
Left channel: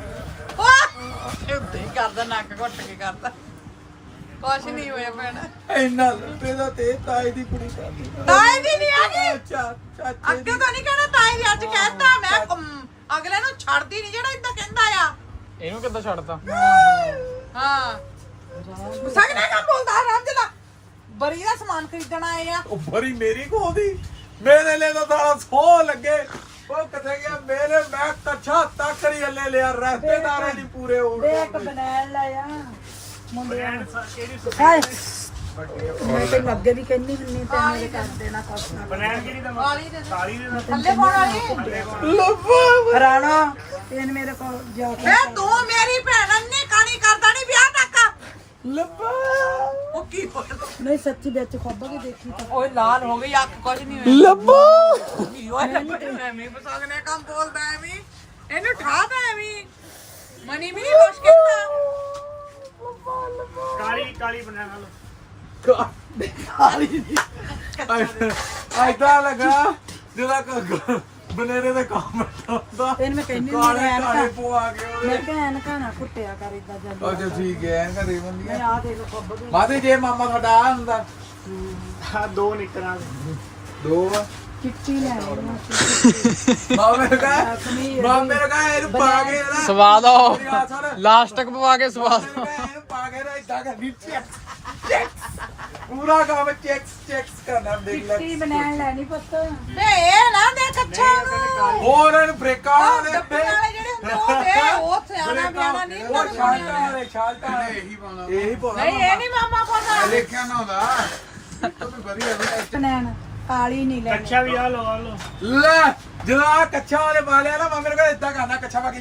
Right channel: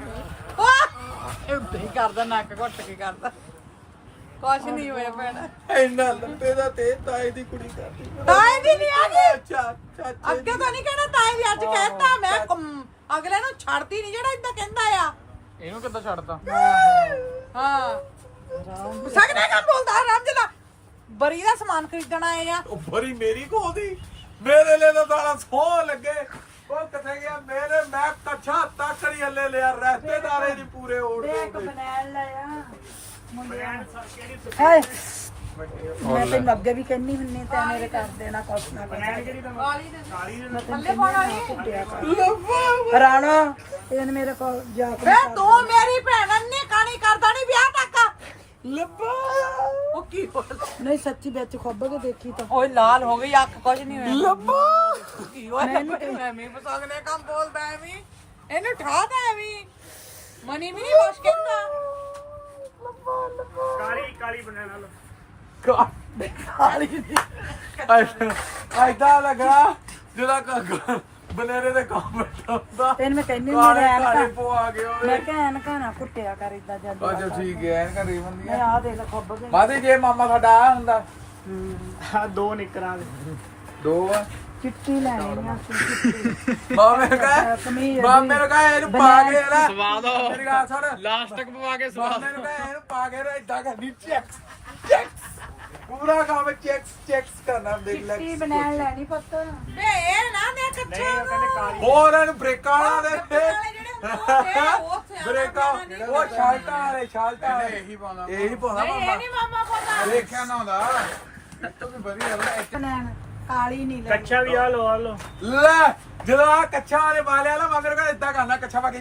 S3: ਇੱਦਾਂ ਹੀ ਕਰਦਾ ਨੱਕ ਘੁੱਟ ਕੇ ਕਰਦਾ ਕੁਛ ਨਹੀਂ ਹੋਇਆ ਭੈਣ
S2: ਇੰਨਾ ਲੱਪੇ ਦਾ ਤੇ ਤਾਏ ਦੀ ਕੁੜੀ ਕਰਦੀ
S3: ਤਾਏ ਦੀ ਨਹੀਂ ਹੈਗੀ
S2: ਅੱਛਾ ਚਾਚੇ
S3: ਅੱਗੇ ਤਾਂ ਨਹੀਂ ਕਹਿਣਾ ਤਾਏ ਦੀ ਅੱਜ ਕਹਿਤਾ ਮੈਂ ਅਗਲੇ ਨੂੰ ਛੱਡਦੀ ਨਹੀਂ ਜਿਹੜਾ ਇਦਾਂ ਕਹਿੰਦਾ ਆ
S1: ਇਹਨੂੰ ਕਿੱਦਾਂ ਛੱਡਤਾ
S3: ਹਾਂ ਸਗਨੇ ਕੰਮ ਹੁੰਦਾ ਰੰਜਲਾ ਬਰੀ ਦਾ ਸਮਾਨ ਖਰੀਦਣ ਆਏ ਆ
S2: ਉਹ ਬਰੀ ਮੇਰੀ ਕੋਲ ਦੀ ਮੇਰੇ ਲਈ ਤਾਂ ਸਾਲਾ ਸੋਹ ਲੱਗੇ ਉਹ ਕਿੱਥੇ ਗਿਆ ਮੇਰੇ ਮੈਂ ਕੱਛਾ ਤੱਕ ਨਹੀਂ ਹੱਲੇ ਲਿਆ ਰਿਸ਼ਤੇਦਾਰ ਹੀ ਨਹੀਂ ਪੂਰੇ ਹੋਣ
S7: ਦੇਖ ਬਣਾਣ ਲਾਇਆ ਮੁੰਡਿਆਂ ਹਾਏ ਮੈਂ ਤੇ ਲੱਗੇ ਵੀ ਕਹਿੰਨੀ ਹੁੰਨੀ ਤੇ ਮੇਰੇ ਕਰ ਦੇਣਾ ਕੁਛ ਨਾ
S5: ਬਣਾਣ ਕਿਹੜੀ ਦਾ
S3: ਕਾਲੀ ਦੇ
S5: ਕਾਲੀ ਦੇ
S3: ਥੱਲੇ ਪਾਉਣ ਵਾਲੀ
S2: ਲੱਭਾ
S7: ਰਾਣਾ ਇਹਨ ਮੇਰੇ ਕੋਲ ਜਾ ਕੇ
S3: ਵੇ ਤੂੰ ਮੇਰੀ ਭੈਣ ਅੰਨੀ ਕਾਣੀ ਕਰਦਾ ਨਹੀਂ ਵਿਆਹ ਤੱਕ
S2: ਲੱਭਾ
S3: ਉਹ ਕੀ ਹੋਇਆ
S7: ਨਹੀਂ ਸੱਚੀ ਵਿੱਚ ਖੋਬ ਕੇ ਦੇਖੀ ਤਾਂ
S3: ਓਏ ਲਾਲ ਹੋ ਗਈ ਅੱਖ ਕੁਝ ਨਹੀਂ ਹੋਇਆ
S2: ਲੱਭਾ
S3: ਕੀ ਹੋਇਆ ਐਵੇਂ ਬਸਾਗ ਨੇ ਕੰਮ ਬੋਲਦਾ ਐਵੇਂ ਇਹਨੂੰ ਠਾਦਾ ਐਵੇਂ ਮਨੀ ਵੀ ਨਹੀਂ ਵਾਸ਼ ਕੀਤਾ
S5: ਕਾਲੀ ਬਣਾਣ ਵਾਲਾ
S2: ਐਦਾਂ ਲੱਗਾ ਜਿਹਦਾ ਬਨੇਰੇ ਦੇ ਕਾਮੈਂਟ ਹੁੰਦਾ
S7: ਤੈਨੂੰ ਮੈਂ ਕਹਿੰਨੀ
S2: ਕਾਲੇ
S7: ਮੇਰੇ
S2: ਕਾਲੇ
S7: ਐਨਕਾਂ
S2: ਪੋ ਆ ਗਏ ਉਹਦੇ
S7: ਮੈਂ ਕਿਹਾ ਐਨਕਾਂ ਨਾ ਕੁੱਟਿਆ ਕਰ ਇਦਾਂ ਜਾਂਦੀ
S2: ਅੱਛਾ ਠੀਕ ਹੈ ਐਨਕਾਂ ਦੇ ਬੰਦੀਆਂ
S7: ਮੈਂ ਆ ਦੇਖ ਖੋਬ ਕੇ
S2: ਮਾਦੇ ਜੇ ਮਾਮਾ ਤੁਹਾਡਾ ਆ ਹੁੰਦਾ
S5: ਹਾਂ ਦੋ ਨਿਕਰਾਂ
S2: ਦੋ
S7: ਚਿੱਟੀ ਲੈਣੀ ਆ
S2: ਮਾਮੇ ਨੂੰ ਕਹੇ ਇਹਨੂੰ ਪਾ ਕੇ ਨਾ
S1: ਸਵਾਦ ਆਓ
S2: ਮੇਰੀ ਗੱਲ ਸੁਣ
S1: ਲਾਸਟ ਤੱਕ ਪਵਾ ਕੇ ਸਵਾਦ
S2: ਮਾਮੇ ਨੂੰ ਕਹੇ ਇਹਨੂੰ ਪਾ ਕੇ ਨਾ ਇਦਾਂ ਕਰਨੀ ਚੈਕਸ ਪੂਰਾ ਕੰਮ ਚੈਕਸ ਕਰਨਾ ਦੇਖ ਲੈ
S7: ਚਿੱਟੀ ਬਣਾਣ ਲੈਣੀ ਪੁੱਤ
S3: ਵੇ ਇਹ ਨਾ ਦੇ ਕੱਛਾ ਨੂੰ
S2: ਹੋਰ ਇਹਨੂੰ ਬ੍ਰੇਕਾਂ ਵਾਲੇ
S3: ਡੱਬੇ ਵਾਲੇ ਜਿਹੜੇ ਹੁੰਦੇ ਆ, ਉਹ ਸਿਆਣਾ ਬਿਆਣਾ ਨਹੀਂ
S2: ਉਹ ਸ਼ਾਲਟਾਂ ਵਾਲੇ ਇਹੀ ਪਾਉਣਾ
S3: ਨਹੀਂ ਇਹ ਨਹੀਂ ਮਾਮਾ ਕੋਲ
S4: ਦੇਖਿਆ ਨਾ ਹੁੰਦਾ ਇਹ ਤਾਂ ਵਧੀਆ ਹੁੰਦਾ
S7: ਬਣਾਣ ਕਾਲੀ ਨਹੀਂ ਲੈ
S5: ਕੱਚਾ ਵੀ ਆ ਲੋ
S2: ਲੈ ਜਦੋਂ ਆ ਕੱਛਾ ਵਾਲੇ ਵਾਲਿਆ ਨਾ ਮਾਮੇ ਨੂੰ ਕਹਿੰਦਾ ਇਦਾਂ ਕਰਨਾ ਕੱਛਾ ਪਾ ਕੇ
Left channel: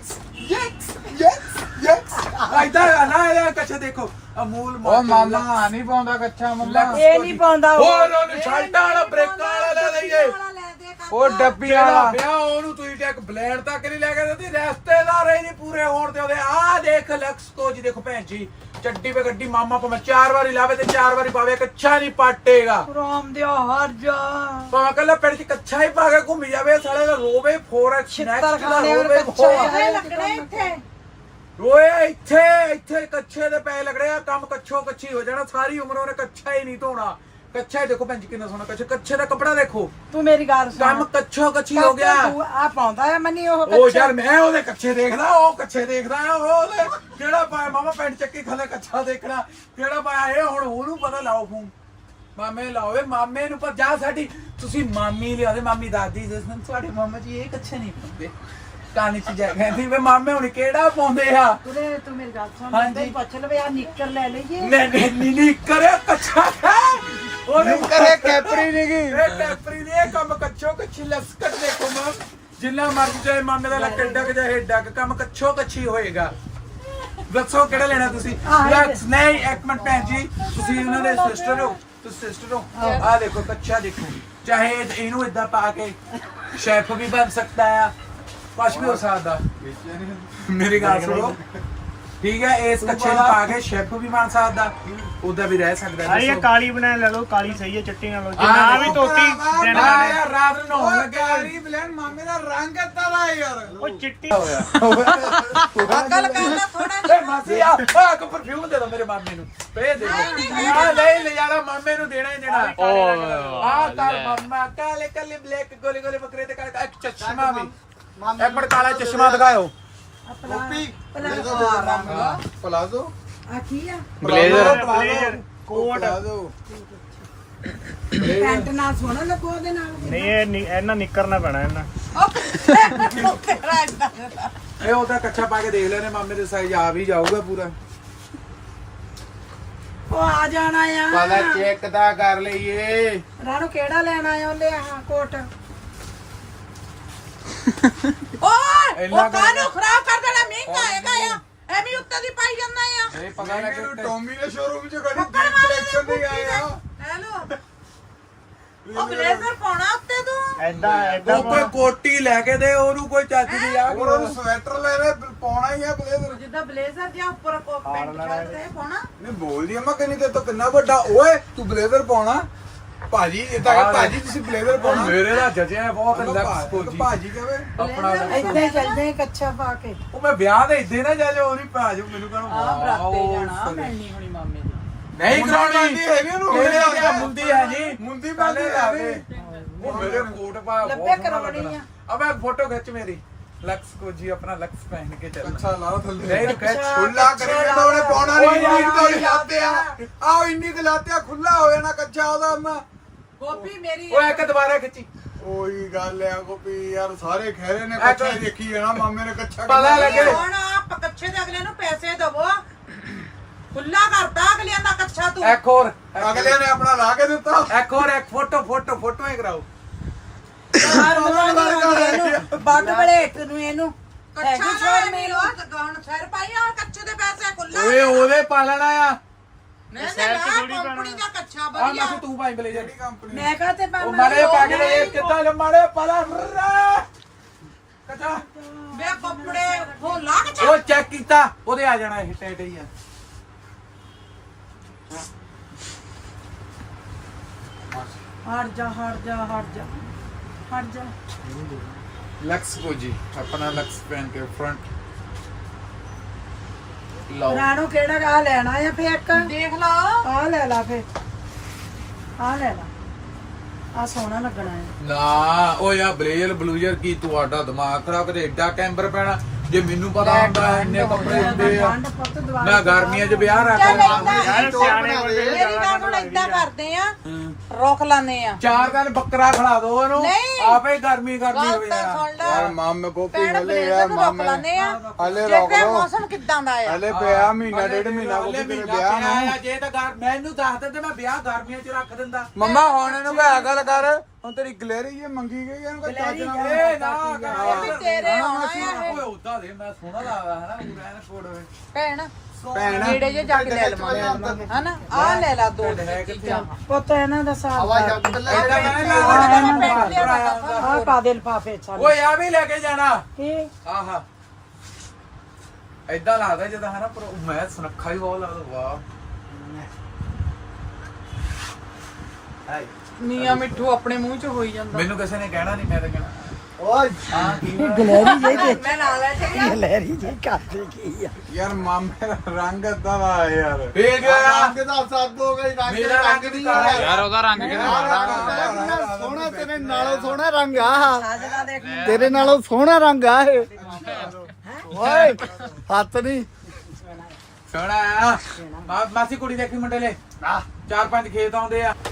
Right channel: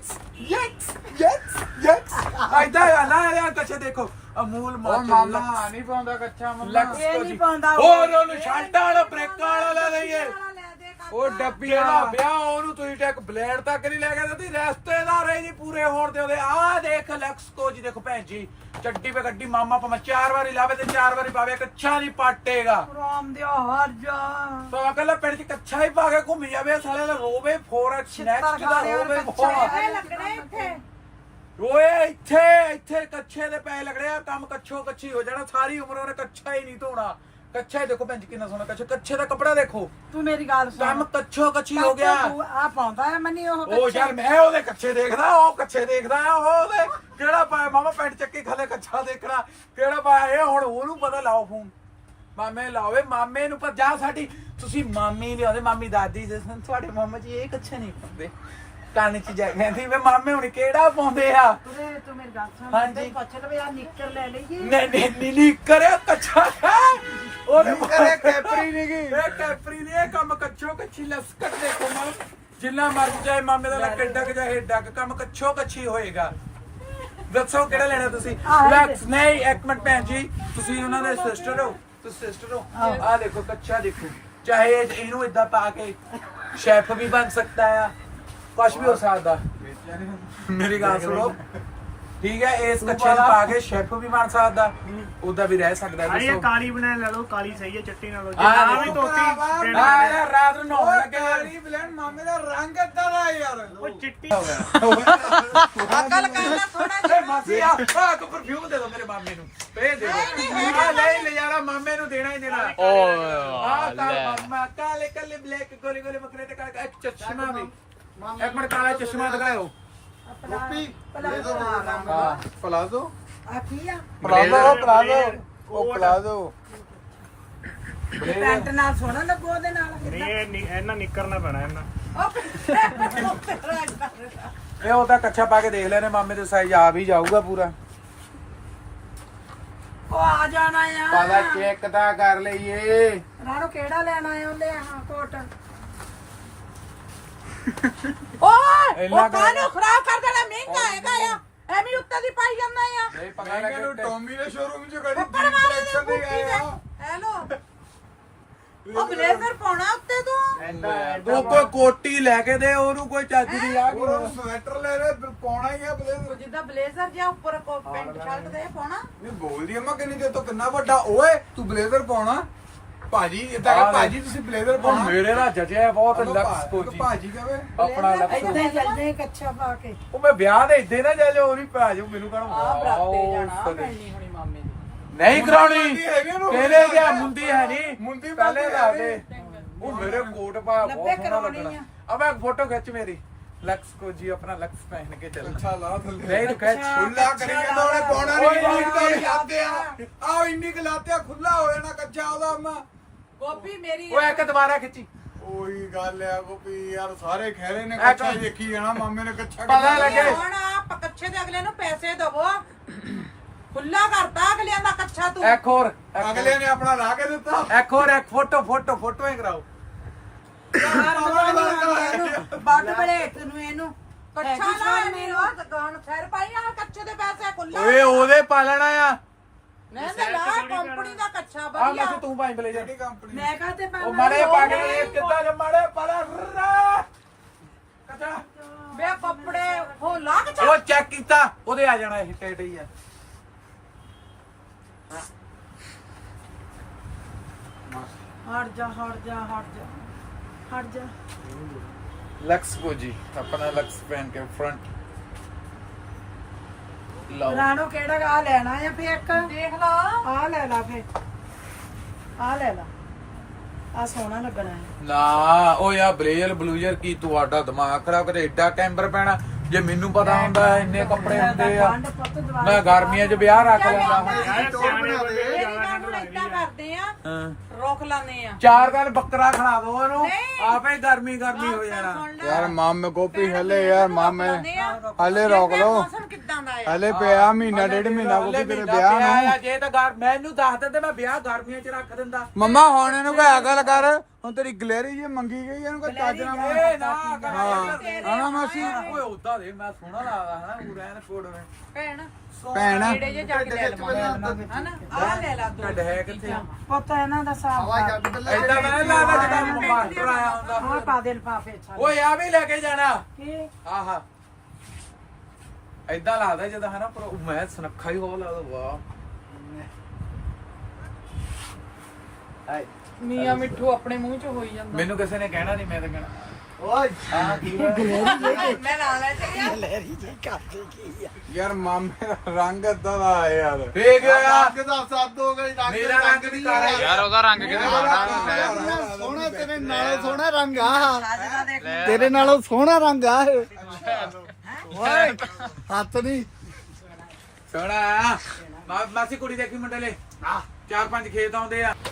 S2: ਯੈਕਸ ਇਦਾਂ ਕਰਨਾ ਇਹ ਕੱਛਾ ਦੇਖੋ ਅਮੂਲ
S4: ਉਹ ਮਾਮਾ ਨਹੀਂ ਪਾਉਂਦਾ ਕੱਚਾ ਮੁੰਡਾ
S7: ਇਹ ਨਹੀਂ ਪਾਉਂਦਾ
S2: ਹੋਰ ਉਹਨੂੰ ਸ਼ਾਲਟਾਂ ਵਾਲਾ ਬ੍ਰੇਕਾਂ ਵਾਲਾ ਲੈ ਲਈਏ
S4: ਉਹ ਡੱਬੀ
S2: ਜਿਹੜਾ
S4: ਵਾਲਾ
S2: ਵਿਆਹ ਉਹਨੂੰ ਤੁਸੀਂ ਟੈਕ ਬਲੇਡ ਤੱਕ ਨਹੀਂ ਲੈ ਕੇ ਦਿੰਦੀ ਰਿਸ਼ਤੇਦਾਰ ਹੀ ਨਹੀਂ ਪੂਰੇ ਹੋਣ ਤੇ ਉਹਦੇ ਆਹ ਦੇਖ ਲਕਸ ਕੋ ਜੀ ਦੇਖੋ ਭੈਣ ਜੀ ਚੱਡੀ ਪੇ ਗੱਡੀ ਮਾਮਾ ਪਾ 4 ਵਾਰੀ ਲਾਵੇ ਤੇ 4 ਵਾਰੀ ਪਾਵੇ ਕੱਛਾ ਨਹੀਂ ਪਾਟੇਗਾ
S7: ਰਾਮ ਦਿਓ ਹਰ ਜਾ
S2: ਤਾਂ ਕੱਲਾ ਪਿੰਡ ਚ ਕੱਛਾ ਹੀ ਪਾ ਕੇ ਘੁੰਮੀ ਜਾਵੇ ਸਾਲੇ ਦਾ ਰੋਵੇ ਫੋਰੈਕਸ ਨੈਕਸਟ ਦਾ ਰੋਵੇ
S3: ਇਹ ਲੱਗਣੇ ਇੱਥੇ
S2: ਓਏ ਇੱਥੇ ਕੱਛੇ ਦੇ ਪੈ ਲੱਗਣੇ ਆ ਕੰਮ ਕੱਛੋ ਕੱਛੀ ਹੋ ਜਾਣਾ ਸਾਰੀ ਉਮਰ ਉਹਨੇ ਕੱਛਾ ਹੀ ਨਹੀਂ ਧੋਣਾ ਕੱਛਾ ਹੀ ਦੇਖੋ ਭੈਣ ਜੀ ਕਿੰਨਾ ਸੋਹਣਾ ਕੱਛੇ ਦਾ ਕੱਪੜਾ ਦੇਖੋ
S7: ਤੂੰ ਮੇਰੀ ਗੱਲ ਸੁਣ
S2: ਕੰਮ ਕੱਛੋ ਕੱਛੀ ਹੋ ਗਿਆ
S7: ਆ ਪਾਉਂਦਾ ਹੈ ਮਨੀ ਉਹ
S2: ਉਹ ਯਾਰ ਮੈਂ ਉਹਦੇ ਕੱਛੇ ਦੇਖਦਾ ਉਹ ਕੱਛੇ ਦੇਖਦਾ ਆ ਉਹ ਉਹਦੇ ਕਿਹੜਾ ਪਾਇਆ ਮਾਮਾ ਪੈਂਟ ਚੱਕੀ ਥੱਲੇ ਕੱਛਾ ਦੇਖਣਾ ਕਿਹੜਾ ਪਾਇਆ ਇਹ ਹੁਣ ਉਹਨੂੰ ਪਤਾ ਲਾਓ ਫੋਨ ਮਾਮੇ ਲਾਓਵੇ ਮਾਮੇ ਨੂੰ ਪਰ ਜਾ ਸਾਡੀ ਤੁਸੀਂ ਮਾਮੀ ਲਿਆਉਂਦੇ ਮਾਮੀ ਦਾਦੀ ਜਿਸ ਨੂੰ ਤੁਹਾਡੇ ਮਾਮਾ ਜੀ ਇਹ ਕੱਛੇ ਨਹੀਂ ਪਾਉਂਦੇ ਕੰਨ ਚ ਜਾ ਕਹਿੰਦੀ ਵੇ ਮਾਮੇ ਹੁਣ ਕਿਹੜਾ ਪਾਉਂਦੇ ਆ
S7: ਤੂੰ ਮੇਰੀ ਗੱਲ ਸੁਣ
S2: ਹਾਂਜੀ।
S7: ਮੈਂ ਪੁੱਛ ਲਵੇ ਆ ਨਿੱਕਰ ਲੈ ਲਈਏ
S2: ਨਹੀਂ ਕਰਿਆ ਕੱਛਾ ਹੈ ਉਹਨੇ
S4: ਕਰੇ ਕੈਪਰੀ ਨਹੀਂ ਗਈ
S2: ਇਹ ਕੈਪਰੀ ਨੇ ਇਹ ਕੰਮ ਕੱਛੋ ਕੱਛੀ ਲਸਕਟ ਦੇਖੋ ਮਾਂ ਜਿੰਨਾ ਮਰਜ਼ੀ ਚਾਹੇ ਮਾਮੇ ਦਾ ਲੱਕ ਡੱਕ ਜਾਂ ਹੇਡ ਡੱਕ ਕੰਮ ਕੱਛੋ ਕੱਛੀ ਹੋਏਗਾ ਦੱਸੋ ਕਿਹੜਾ ਲੈਣਾ ਤੁਸੀਂ ਲਕਸ ਨਹੀਂ ਇੱਕ ਮਿੰਟ ਭੈਣ ਜੀ ਤੁਸੀਂ ਉਹਨਾਂ ਦੇ ਸਿਸਟਰ ਹੋ ਤੁਸੀਂ ਸਿਸਟਰ ਹੋ ਆਹ ਦੇਖੋ ਕੱਛਾ ਦੇਖੋ ਚਾਹੇ ਇਹਨੂੰ ਇਦਾਂ ਪਾ ਕੇ ਸ਼ੈਫ ਵੀ ਬਣ ਸਕਦਾ ਆ ਕੁਛ ਵੀ ਹੋ ਸਕਦਾ ਮੇਰੀ ਗੱਲ ਸੁਣੋ ਠੀਕ ਹੈ ਇਸ ਕੱਛੇ ਨੂੰ ਪਾ ਕੇ ਸ਼ੈਫ ਵੀ ਬਣ ਸਕਦਾ ਉਦਾਂ ਵੀ ਰਹਿ ਸਕਦਾ
S5: ਅਰੇ
S2: ਦੱਸੋ
S5: ਕਾਲੀ ਬਣਾ ਲੈ ਲੋ ਕਾਲੀ ਸਹੀ ਹੈ ਚਿੱਟੀ ਨਾ ਲੋ
S2: ਆਹ
S5: ਨਾ ਵੀ
S2: ਦੇਖੋ।
S5: ਧੋਤੀ
S2: ਆ ਯਾਰ ਰਾਤ ਨੂੰ ਨਹਾਉਣ ਲੱਗੇ
S4: ਕਾਲੀ ਬਲੈਨ ਮਾਮੇ ਦਾ ਰੰਗ ਏਦਾਂ ਦਾ ਯਾਰ
S5: ਉਹ ਚਿੱਟੀ
S3: ਅਕਲ ਕਰਨਾ ਥੋੜਾ
S2: ਏ ਮਾਸੀ ਆ ਕੋ ਪਰਫਿਊਮ ਦੇ ਦੋ ਮੇਰੇ ਮਾਮੇ ਨੂੰ ਭੇਜ ਦੇ ਦੋ ਆ ਨਹੀਂ ਲੈ ਜਾਣਾ ਮਾਮੇ ਨੂੰ ਦੇਣਾ ਹੀ ਦੇਣਾ ਆ ਕਾਲ ਮਾਮਾ ਕਾਲੇ ਕਾਲੇ ਬਲੈਕ ਗੋਲੇ ਗੋਲੇ ਬੱਕਰੇ ਤੇ ਕਾਲੇ ਇੱਕ ਚਸ਼ਮਾ ਵੀ ਇੱਕ ਮਿੰਟ ਕਾਲਾ ਚਸ਼ਮਾ ਦਿਖਾਓ
S4: ਪਲਾਜ਼ੋ
S7: ਆ ਕੀ ਆ
S1: ਬਲੇਜ਼ਰ
S5: ਕੋਟ
S4: ਪਲਾਜ਼ੋ
S7: ਪੈਂਟ ਨਾਲ ਸੋਹਣਾ ਲੱਗੋ ਉਹਦੇ ਨਾਲ
S5: ਨਹੀਂ ਇਹ ਇਹਨਾਂ ਨਿਕਰਨਾ ਪੈਣਾ ਇਹਨਾਂ
S2: ਇਹ ਉਹਦਾ ਕੱਛਾ ਪਾ ਕੇ ਦੇਖ ਲੈਣੇ ਮਾਮੇ ਦੇ ਸਾਈਜ਼ ਆ ਵੀ ਜਾਊਗਾ ਪੂਰਾ
S7: ਉਹ ਆ ਜਾਣਾ ਆ
S4: ਪਤਾ ਚੈੱਕ ਤਾਂ ਕਰ ਲਈਏ
S7: ਰਾਣੋ ਕਿਹੜਾ ਲੈਣ ਆਇਆ ਉਹਦੇ ਆਹ ਕੋਟ
S3: ਓਏ
S2: ਇੰਨਾ
S3: ਉਹ ਕਾਹਨੂੰ ਖਰਾਬ ਕਰ ਦੇਣਾ ਮਹਿੰਗਾ ਹੈਗਾ ਆ ਐਵੇਂ ਉੱਤੋਂ ਦੀ ਪਾਈ ਜਾਂਦਾ ਆ
S2: ਇਹ ਪਤਾ ਲੱਗੇ
S4: ਟੋਮੀ ਦੇ ਸ਼ੋਰੂਮ 'ਚ ਖੜੀ ਦੀਪ ਕਲੈਕਸ਼ਨ ਦੇ ਆਏ ਆ
S3: ਹੈਲੋ ਉਹ ਬਲੇਜ਼ਰ ਪਾਉਣਾ ਉੱਤੇ ਤੂੰ
S5: ਐਦਾਂ
S2: ਉਹ ਕੋਈ ਕੋਟੀ ਲੈ ਕੇ ਦੇ ਉਹਨੂੰ ਕੋਈ ਚੱਜ ਦੀ ਆ
S4: ਹੋਰ ਉਹਨੂੰ ਸਵੈਟਰ ਲੈ ਲੈ ਪਾਉਣਾ ਹੀ ਆ ਬਲੇਜ਼ਰ
S3: ਜਿੱਦਾਂ ਬਲੇਜ਼ਰ ਜਿਹਾ ਉੱਪਰ ਪੈਂਟ ਸ਼ਰਟ ਤੇ ਪਾਉਣਾ
S4: ਨਹੀਂ ਬੋਲਦੀ ਅੰਮਾ ਕਹਿੰਦੀ ਤੇ ਤੂੰ ਕਿੰਨਾ ਵੱਡਾ ਓਏ ਤੂੰ ਬਲੇਜ਼ਰ ਪਾਉਣਾ ਭਾਜੀ ਇਦਾਂ ਕਿ ਭਾਜੀ ਤੁਸੀਂ ਬਲੇਜ਼ਰ ਪਾਉਣਾ
S2: ਮੇਰੇ ਦਾ ਜਜਿਆ ਬਹੁਤ ਲਕਸ ਕੋਜੀ
S4: ਭਾਜੀ ਕਹਵੇ
S2: ਆਪਣਾ
S7: ਏਦਾਂ
S2: ਲਕਸ
S7: ਹੀ ਚੱਲ ਜਾਏ ਕੱਛਾ ਪਾ ਕੇ
S2: ਉਹ ਮੈਂ ਵਿਆਹ ਦੇ ਇੱਦੇ ਨਾ ਜਾ ਲਿਓ ਨਹੀਂ ਭਾਜੂ ਮੈਨੂੰ ਕਹਣਾ ਵਾਓ
S8: ਭੈਣੀ ਹੁਣੀ ਮਾਮੇ ਦੀ
S2: ਨਹੀਂ
S4: ਮੁੰਡੀ
S2: ਕਰਾਉਣੀ
S4: ਹੈਗੀ ਉਹਨੂੰ
S2: ਕਿਹੜੇ ਆ ਮੁੰਦੀ ਹੈ ਨਹੀਂ
S4: ਮੁੰਦੀ
S2: ਪਹਿਲੇ
S4: ਬਾਲੇ
S2: ਆ ਗਏ ਉਹ ਮੇਰੇ ਕੋਟ ਪਾ ਬਹੁਤ
S7: ਲੱਭੇ
S2: ਸੋਹਣਾ
S7: ਕਰਾਉਣੀ
S2: ਲੱਗਣਾ ਅਬ ਇੱਕ ਫੋਟੋ ਖਿੱਚ ਮੇਰੀ ਲਕਸ ਕੋ ਜੀ ਆਪਣਾ ਲਕਸ ਪਹਿਨ ਕੇ ਚੱਲ
S4: ਅੱਛਾ ਲਾ ਥੱਲੇ
S2: ਨਹੀਂ ਤੂੰ ਖਿੱਚ
S4: ਖੁੱਲਾ ਕਰੇਗਾ ਤਾਂ ਉਹਨੇ ਪਾਉਣਾ ਨਹੀਂ
S2: ਓਏ ਯਾਰ,
S4: ਇੰਨੀ ਕੁ ਲਾਤੇ ਆ ਆਹ ਇੰਨੀ ਕੁ ਲਾਤੇ ਆ ਖੁੱਲਾ ਹੋ ਜਾਣਾ ਕੱਚਾ ਉਹਦਾ ਅੰਮਾ
S3: ਗੋਪੀ ਮੇਰੀ
S2: ਉਹ ਇੱਕ ਦੁਬਾਰਾ ਖਿੱਚੀ
S4: ਉਹੀ ਗੱਲ ਆ ਗੋਪੀ ਯਾਰ ਸਾਰੇ ਖਹਿਰੇ ਨੇ ਕੱਛਾ ਦੇਖੀ ਜਾਣਾ ਮਾਮੇ ਨੇ ਕੱਛਾ
S2: ਪਤਾ ਲੱਗੇ
S3: ਹੁਣ ਆਪ ਕੱਛੇ ਦੇ ਅਗਲੇ ਨੂੰ ਪੈਸੇ ਦਵੋ ਖੁੱਲਾ ਕਰਦਾ ਅਗਲਿਆਂ ਦਾ ਕੱਛਾ ਤੂੰ
S2: ਇੱਕ ਹੋਰ
S4: ਅਗਲੇ ਨੇ ਆਪਣਾ ਲਾ ਕੇ ਦਿੱਤਾ
S2: ਇੱਕ ਹੋਰ ਇੱਕ ਫੋਟੋ ਹੀ ਕਰਾਓ
S7: ਬੱਗ ਬਲੇਟ ਨੂੰ ਇਹਨੂੰ
S3: ਕੱਛਾ ਨਾ ਨਹੀਂ ਉਹ ਗਾਣ ਸਿਰ ਪਾਈ ਹੁਣ ਕੱਛੇ ਦੇ ਪੈਸੇ ਖੁੱਲਾ
S2: ਓਏ ਉਹਦੇ ਪਾਲਣਾ ਆ
S3: ਨਹੀਂ ਨਾ ਕੰਪਨੀ ਦਾ ਕੱਛਾ
S2: ਆ
S3: ਵਧੀਆ
S2: ਮੈਂ ਤੂੰ ਭਾਈ ਬਲੇ
S4: ਕਿਹੜੀ ਕੰਪਨੀ
S7: ਮੈਂ ਕਹਤੇ
S2: ਉਹ ਮਾਰੇ ਪਾ ਕੇ ਇਹ ਕਿੱਦਾਂ ਮਾਰੇ ਪਾਲਾ ਕਚਾ
S3: ਵੇ ਕੱਪੜੇ ਹੋ ਲਾ ਕੱਛਾ
S2: ਉਹ ਚੈੱਕ ਕੀਤਾ ਉਹਦੇ ਆ ਜਾਣਾ ਇਹ ਟੇਟ ਹੀ ਆ
S7: ਹਟ ਜਾ
S2: लक्स को जी अपना लक्स पहन के फ्रंट लाओ
S7: ਰਾਣੋ ਕਿਹੜਾ ਆ ਲੈਣਾ ਆ ਫੇ ਇੱਕ
S3: ਦੇਖ ਲਾ
S7: ਆ ਲੈ ਲਾ ਫੇ ਆ ਲੈ ਲਾ ਆ ਸੋਹਣਾ ਲੱਗਣਾ ਹੈ
S2: ਨਾ ਉਹ ਯਾ ਬਲੇਜ਼ਰ ਬਲੂਜ਼ਰ ਕੀ ਤੁਹਾਡਾ ਦਿਮਾਗ ਖਰਾਬ ਕਰੇ ਐਡਾ ਕੈਂਬਰ ਪੈਣਾ ਜੇ ਮੈਨੂੰ ਪਤਾ ਹੁੰਦਾ ਇੰਨੇ ਕੱਪੜੇ ਹੁੰਦੇ ਆ
S7: ਠੰਡ ਪੁੱਤ ਦਵਾ
S2: ਮੈਂ ਗਰਮੀਆਂ 'ਚ ਵਿਆਹ ਰੱਖ ਲੈਂਦਾ
S5: ਯਾਰ ਸਿਆਣੇ ਬੰਦੇ
S3: ਮੇਰੀ ਗੱਲ ਨੂੰ ਏਦਾਂ ਕਰਦੇ ਆ ਰੋਕ ਲਾਨੇ ਆ
S2: 4 ਦਿਨ ਬੱਕਰਾ ਖੜਾ ਦੋ ਉਹਨੂੰ
S3: ਨਹੀਂ।
S2: ਆਪੇ ਗਰਮੀ ਹੋ
S3: ਗੱਲ ਤਾਂ
S2: ਜਾਣਾ
S3: ਸੁਣ ਲੈ
S4: ਯਾਰ ਮਾਮੇ ਗੋਪੀ ਹਲੇ ਯਾਰ ਮਾਮੇ ਹਲੇ
S3: ਜੇ
S4: ਰੋਕ
S3: ਫੇ
S4: ਲਓ
S3: ਮੌਸਮ ਕਿੱਦਾਂ ਦਾ ਆ
S4: ਹਲੇ ਪਿਆ ਮਹੀਨਾ ਡੇਢ ਮਹੀਨਾ ਉਹਦੇ ਕੋਲ ਵਿਆਹ
S2: ਪਿਆ ਜੇ ਤਾਂ ਮੈਨੂੰ ਦੱਸ ਦਿੰਦੇ ਮੈਂ ਵਿਆਹ ਗਰਮੀਆਂ 'ਚ ਰੱਖ ਦਿੰਦਾ
S4: ਮੰਮਾ ਹੁਣ ਇਹਨੂੰ ਮੈਂ ਗੱਲ ਕਰ ਹੁਣ ਤੇਰੀ ਗਲੈਰੀ ਜੇ ਮੰਗੀ ਗਈ ਇਹਨੂੰ ਕਿ ਚੱਜ ਨਾਲ
S2: ਏ ਨਾ ਕਰ
S3: ਤੇਰੇ ਆਉਣਾ ਆ।
S2: ਓਏ ਉਦਾਂ ਦੇ ਮੈਂ ਸੋਹਣਾ ਲੱਗਦਾ ਹਨਾ ਪੂਰਾ ਐਨ ਕੋਡ ਹੋਵੇ
S3: ਭੈਣ
S4: ਭੈਣ
S3: ਨੇੜੇ ਜੇ ਜਾ ਕੇ ਲੈ ਲਵਾਂਗੇ ਹਨਾ ਆ ਲੈ ਲਾ ਦੋ
S2: ਹੈ ਕਿੱਥੇ
S7: ਪੁੱਤ ਇਹਨਾਂ ਦਾ ਸਾਥ
S2: ਐਡਾ ਨਹੀਂ ਲੱਗਦਾ ਜਿੱਦਾਂ ਮਾਸਟਰ ਆਇਆ ਹੁੰਦਾ
S7: ਆ ਕਾਦੇ ਲਫਾਫੇ ਛੱਡ
S2: ਓਏ ਆ ਵੀ ਲੈ ਕੇ ਜਾਣਾ
S7: ਇਹ
S2: ਆਹਾ ਐਦਾਂ ਲੱਗਦਾ ਜਿੱਦਾਂ ਹਨਾ ਪਰ ਮੈਂ ਸੁਨੱਖਾ ਹੀ ਬਹੁਤ ਲੱਗਦਾ ਵਾਹ ਹਾਈ
S3: ਮੀਆਂ ਮਿੱਠੂ ਆਪਣੇ ਮੂੰਹ ਚ ਹੋਈ ਜਾਂਦਾ
S2: ਮੈਨੂੰ ਕਿਸੇ ਨੇ ਕਹਿਣਾ ਨਹੀਂ ਮੈਂ ਤਾਂ ਕਹਿਣਾ
S4: ਓਏ
S2: ਹਾਂ ਕੀ
S7: ਗਲੈਰੀ ਜੇ
S3: ਮੈਂ ਨਾਲ ਲੈ ਚੱਲਿਆ
S7: ਗਲੈਰੀ ਜੇ ਕਰਦੇ ਕੀ ਆ
S4: ਯਾਰ ਮਾਮੇ ਦਾ ਰੰਗ ਏਦਾਂ ਦਾ ਆ ਯਾਰ
S2: ਵੇਖ
S4: ਰੰਗ ਦਾ ਸੱਦ ਹੋ ਗਈ ਰੰਗ
S2: ਮੇਰਾ ਰੰਗ ਵੀ ਕਾਲਾ
S1: ਯਾਰ ਉਹਦਾ ਰੰਗ ਕਿਵੇਂ ਮਾਰਾ
S4: ਸੋਹਣਾ ਤੇਰੇ ਨਾਲੋਂ ਸੋਹਣਾ ਰੰਗ ਆ
S7: ਅੱਜ ਦਾ ਦੇਖ
S4: ਤੇਰੇ ਨਾਲੋਂ ਸੋਹਣਾ ਰੰਗ ਆ ਇਹ ਓਏ ਹੱਥ ਨਹੀਂ
S2: ਸੋਹਣਾ ਮਾਸੀ ਕੁੜੀ ਦੇਖੀ ਮੁੰਡੇ ਲੈ 4-5 ਖੇਤ ਆਉਂਦੇ ਆ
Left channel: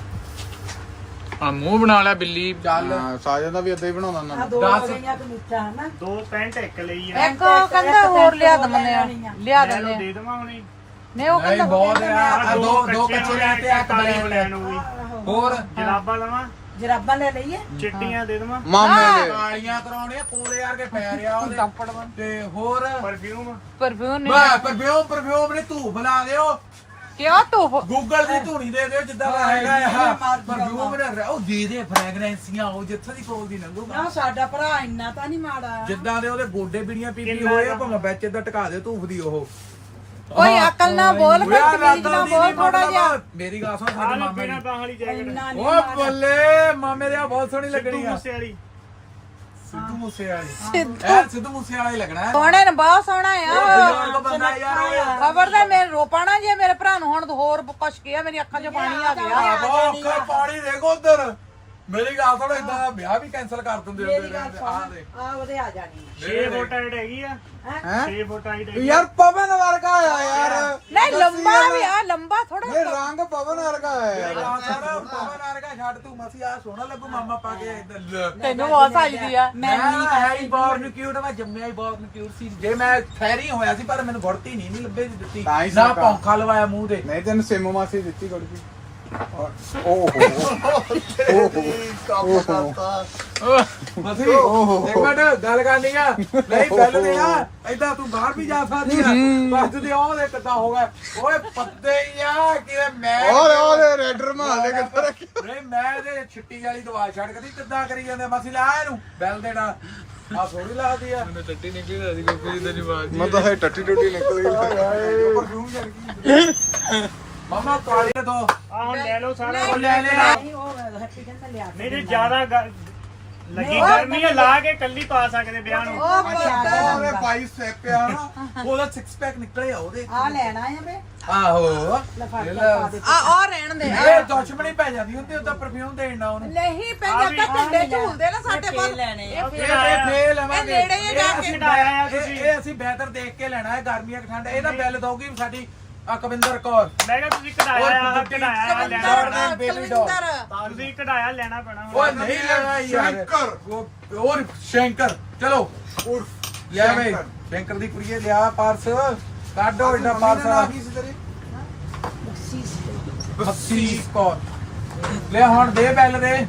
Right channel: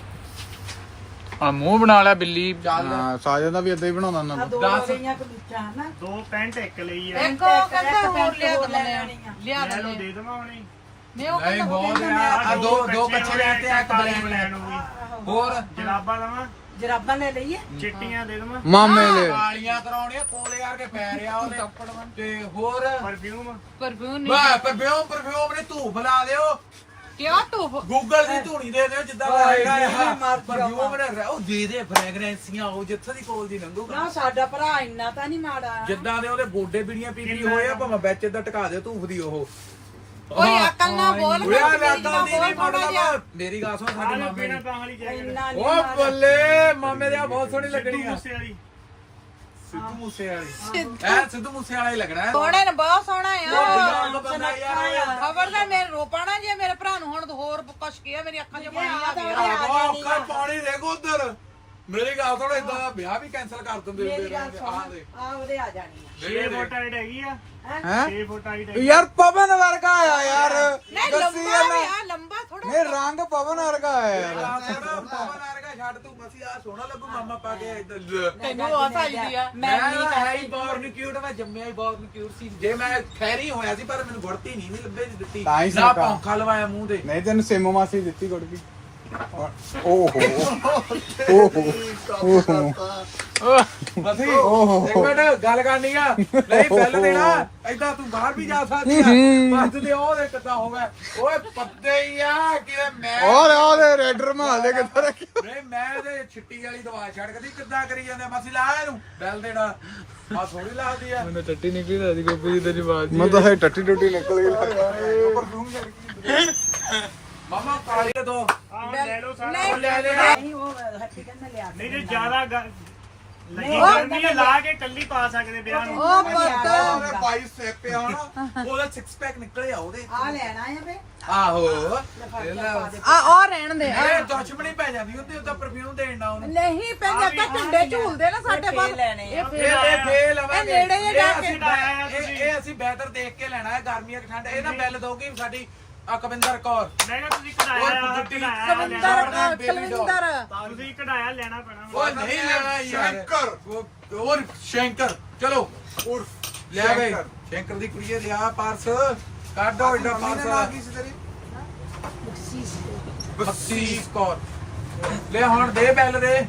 S1: ਆ ਮੂੰਹ ਬਣਾ ਲਿਆ ਬਿੱਲੀ
S2: ਚੱਲ
S4: ਸਾਜਾ ਦਾ ਵੀ ਏਦਾਂ ਹੀ ਬਣਾਉਂਦਾ
S7: ਆ
S4: ਨਾ
S7: ਦੋ
S2: ਦੱਸ।
S7: ਰਹੀਆਂ ਕਮੀਜ਼ਾਂ ਹਨਾ
S5: ਦੋ ਪੈਂਟ ਇੱਕ ਲਈ ਆ
S3: ਇੱਕ ਉਹ ਕਹਿੰਦਾ ਹੋਰ ਲਿਆ ਦਿੰਦੇ ਆ ਲਿਆ
S5: ਮੈਂ
S3: ਦਿੰਦੇ
S5: ਇਹਨੂੰ
S3: ਆ
S5: ਦੇ ਦੇਵਾਂ ਹੁਣੇ
S3: ਨਹੀਂ ਉਹ
S2: ਨਹੀਂ
S3: ਕਹਿੰਦਾ
S2: ਬਹੁਤ ਆ ਦੋ ਕੱਚੇ ਲੈ ਤੇ ਇੱਕ ਬਲੈਕ ਲੈ ਹੋਰ
S5: ਜਰਾਬਾਂ ਲਵਾਂ
S7: ਜਰਾਬਾਂ ਲੈ ਲਈਏ
S5: ਚਿੱਟੀਆਂ ਦੇ ਦੇਵਾਂ
S4: ਮਾਮੇ ਦੇ
S2: ਕਾਲੀਆਂ ਕਰਾਉਣੇ ਕੋਲੇ ਯਾਰ ਕੇ ਪੈ ਰਿਆ ਉਹਦੇ ਤੇ ਹੋਰ
S5: ਪਰਫਿਊਮ
S3: ਪਰਫਿਊਮ
S2: ਮੈਂ ਪਰਫਿਊਮ ਨੇ ਧੂਫ ਲਾ ਦਿਓ
S3: ਕਿਉਂ ਤੂੰ
S2: ਗੂਗਲ ਦੀ ਧੂਣੀ ਦੇ ਦਿਓ ਜਿੱਦਾਂ ਦਾ ਹੈਗਾ ਆ ਪਰਫਿਊਮ ਨੇ ਉਹ ਦੇ ਦੇ ਫ੍ਰੈਗਰੈਂਸੀਆਂ ਉਹ ਜਿੱਥੋਂ ਦੀ ਕੋਲ ਦੀ ਲੰਘੂਗਾ
S7: ਨਾ ਸਾਡਾ ਭਰਾ ਇੰਨਾ ਤਾਂ ਨਹੀਂ ਮਾੜਾ
S2: ਜਿੱਦਾਂ ਦੇ ਉਹਦੇ ਗੋਡੇ ਬੀੜੀਆਂ ਪੀਪੀ ਹੋਏ ਆ ਭਾਵੇਂ ਵਿੱਚ ਇਦਾਂ ਟਕਾ ਦਿਓ ਧੂਫ ਦੀ ਉਹ
S3: ਓਏ ਅਕਲ ਨਾ ਬੋਲ
S2: ਓਏ ਆ ਲਾਤਾਂ ਦੀ ਨਹੀਂ ਮਤਲਬ ਮੇਰੀ ਗੱਲ ਸੁਣ
S5: ਆ
S2: ਸਾਡੇ
S5: ਲੈ
S2: ਮਾਮੇ
S5: ਬਿਨਾ
S2: ਦੀ
S5: ਬਾਹਾਂ ਵਾਲੀ ਜੈਕਟ
S7: ਇੰਨਾ ਨਹੀਂ
S2: ਓ ਬੱਲੇ ਮਾਮੇ ਦੇ ਆ ਬਹੁਤ ਸੋਹਣੀ ਲੱਗਣੀ ਆ
S5: ਮੂਸੇ ਵਾਲੀ
S2: ਸਿੱਧੂ ਮੂਸੇ ਵਾਲੀ ਐ ਸਿੱਧੂ ਮੂਸੇ ਵਾਲਾ ਹੀ ਲੱਗਣਾ ਹੈ
S3: ਸੋਹਣੇ ਨੇ ਬਹੁਤ ਸੋਹਣਾ
S2: ਉਹ
S3: ਆ
S2: ਬਜ਼ੁਰਗ ਬੰਦਾ ਯਾਰ
S3: ਖਬਰ ਦੇ ਮੇਰੇ ਰੋਪਾਣਾ ਜੇ ਮੇਰੇ ਭਰਾ ਨੂੰ ਹੁਣ ਹੋਰ ਕੁਛ ਕਿਹਾ ਮੇਰੀ ਅੱਖਾਂ 'ਚ ਪਾਣੀ ਆ ਗਿਆ
S2: ਆਹੋ ਅੱਖਾਂ ਪਾਣੀ ਦੇਖੋ ਉਧਰ ਮੇਰੀ ਗੱਲ ਸੁਣ ਇਦਾਂ ਦਾ ਵਿਆਹ ਵੀ ਕੈਨਸਲ ਕਰ ਦਿੰਦੇ ਹੁੰਦੇ ਰਹਿੰਦੇ ਆਹ ਦੇ
S7: ਆ ਉਹਦੇ ਆ ਜਾਣੀ
S5: 6 ਫੁੱਟ ਹਾਈਟ ਹੈਗੀ ਆ
S4: ਹੈ
S5: 6 ਫੁੱਟ ਹਾਈਟ
S4: ਯਾਰ ਪਵਨ ਵਰਗਾ ਆ ਯਾਰ
S3: ਨਹੀਂ ਲੰਬਾ ਵੀ ਆ ਲੰਬਾ ਥੋੜਾ
S4: ਇਹ ਰੰਗ ਪਵਨ ਵਰਗਾ ਆ ਯਾਰ
S2: ਪਵਨ ਵਰਗਾ ਛੱਡ ਤੂੰ ਮਸੀ ਆ ਸੋਹਣਾ ਲੱਗੂ ਮਾਮਾ ਪਾ ਕੇ ਇੱਧਰ
S3: ਤੈਨੂੰ ਬਹੁਤ ਚਾਹੀਦੀ ਆ
S2: ਮੈਂ ਹੈ ਹੀ ਬੌਰਨ ਕਿਊਟ ਮੈਂ ਜੰਮਿਆ ਹੀ ਬੌਰਨ ਕਿਊਟ ਸੀ ਜੇ ਮੈਂ ਖੈਰੀ ਹੋਇਆ ਸੀ ਪਰ ਮੈਨੂੰ ਗੁੜਤੀ ਨਹੀਂ ਲੱਭੇ ਦੀ ਦਿੱਤੀ
S4: ਤਾਂ ਹੀ
S2: ਨਾ
S4: ਸਰਕਾਰ।
S2: ਪੌਂਖਾ ਲਵਾਇਆ ਮੂੰਹ ਤੇ
S4: ਨਹੀਂ ਤੈਨੂੰ ਸੇਮੋ ਮਾਸੀ ਦਿੱਤੀ ਗੁੜ ਕੀ ਓਹੋ ਓਹੋ
S2: ਮਸੀ ਇੱਕ ਮਿੰਟ ਗੱਲ ਕਰਨੀ ਆ ਨਹੀਂ ਬਿੱਲ ਦੇਣਾ ਏਦਾਂ ਤੂੰ ਬਾਹਰ ਵੀ ਜਾ ਸਕਦੀ ਆ ਬਸ ਤੇ ਉਹ ਦੇ ਕਿੱਦਾਂ ਹੋ ਗਿਆ ਓਏ ਪੱਤੇ ਹੀ ਆ ਕਿਤੇ ਮੈਂ
S4: ਉਹਦੇ ਰੈਡਰ ਮਾਰ ਦੇ ਕਿੱਥੇ ਰੱਖੀ
S2: ਨਹੀਂ ਮੈਂ ਇਹਦੇ ਛਿੱਟੀ ਵਾਲੀ ਦਵਾ ਛੱਡ ਕਦੀ ਕਿੱਦਾਂ ਕਰੀ ਜਾਂਦੇ ਆ? ਮਸੀ ਲਾ ਇਹਨੂੰ ਬਿੱਲ ਦੇਣਾ ਆ ਥੋੜੀ ਲੱਗਦੀ ਆ
S4: ਟੱਟੀ ਨਿਕਲੀ ਮੇਰੀ ਕੋਈ ਤੇ ਜਵਾਬ ਨਹੀਂ ਤਾਂ ਟੱਟੀ ਟੱਟੀ ਨਿਕਲ ਗਈ
S2: ਮਾਮਾ ਕਾਲੀ ਦੇ ਦੋ
S5: ਆ ਹੁਣ ਲੈ ਲਓ ਸਾਰਾ
S2: ਉਹ ਲੈ ਲੈ
S7: ਨਹੀਂ ਉਹ ਹੱਟੀ ਕਹਿੰਦਾ ਲਿਆ
S5: ਨਹੀਂ ਜੇ ਜ਼ਿਆਦਾ ਲੱਗੀ ਗਰਮੀ ਆ ਲਾ ਕੇ ਕੱਲੀ ਪਾ ਸਕਦੇ ਵਿਆਹ ਨੂੰ
S2: ਉਹਦੇ 22 ਸਟੈਪ ਆ ਨਾ ਉਹਦਾ 6 ਪੈਕ ਨਿਕਲੇ ਆ ਉਹਦੇ
S7: ਆ ਲੈਣਾ ਆ ਵੇ
S2: ਆਹੋ
S7: ਲਫਾਫਾ ਪਾ ਦੇ
S3: ਆ ਰਹਿਣ ਦੇ
S2: ਇਹ ਦੁਸ਼ਮਣੀ ਪੈ ਜਾਂਦੀ ਹੁੰਦੀ ਉਹ ਤਾਂ ਪਰਫਿਊਮ ਦੇਣਾ ਉਹਨੂੰ
S3: ਨਹੀਂ ਪੈਂਦਾ ਕਿ ਢੰਡੇ ਝੂਲਦੇ ਨਾ ਸਾਡੇ ਕੋਲ
S7: ਲੈਣੇ ਆ
S2: ਇਹ ਫੇਲ ਲਵਾਂਗੇ
S3: ਇਹ ਨੇੜੇ ਹੀ
S2: ਇਹ ਅਸੀਂ ਬਿਹਤਰ ਦੇਖ ਕੇ ਲੈਣਾ ਹੈ ਗਰਮੀਆਂ ਠੰਡ ਇਹਦਾ ਬਿੱਲ ਦਊਗੀ ਸਾਡੀ ਅਕਵਿੰਦਰ ਕੌਰ
S5: ਮੈਂ ਕਿਹਾ ਤੁਸੀਂ ਕਢਾਇਆ
S2: ਔਰ
S5: ਕਢਾਇਆ ਲੈਣਾ
S2: ਜੌਰਡਨ ਬੇਬੀ ਡੌਲ
S5: ਤੁਸੀਂ ਕਢਾਇਆ ਲੈਣਾ ਪੈਣਾ
S2: ਓਏ ਨਹੀਂ ਲੈਣਾ ਯਾਰ
S4: ਸ਼ੰਕਰ
S2: ਔਰ ਸ਼ੰਕਰ ਚਲੋ
S4: ਉਰਫ
S2: ਲਿਆ ਬਈ ਸ਼ੰਕਰ ਦੀ ਕੁੜੀਏ ਲਿਆ ਪਾਰਸ ਕੱਢੋ ਏਡਾ ਪਾਰਸ ਬਖਸ਼ੀ ਕੌਰ ਲੈ ਹੁਣ ਦੇ ਬੈਲ ਦੇ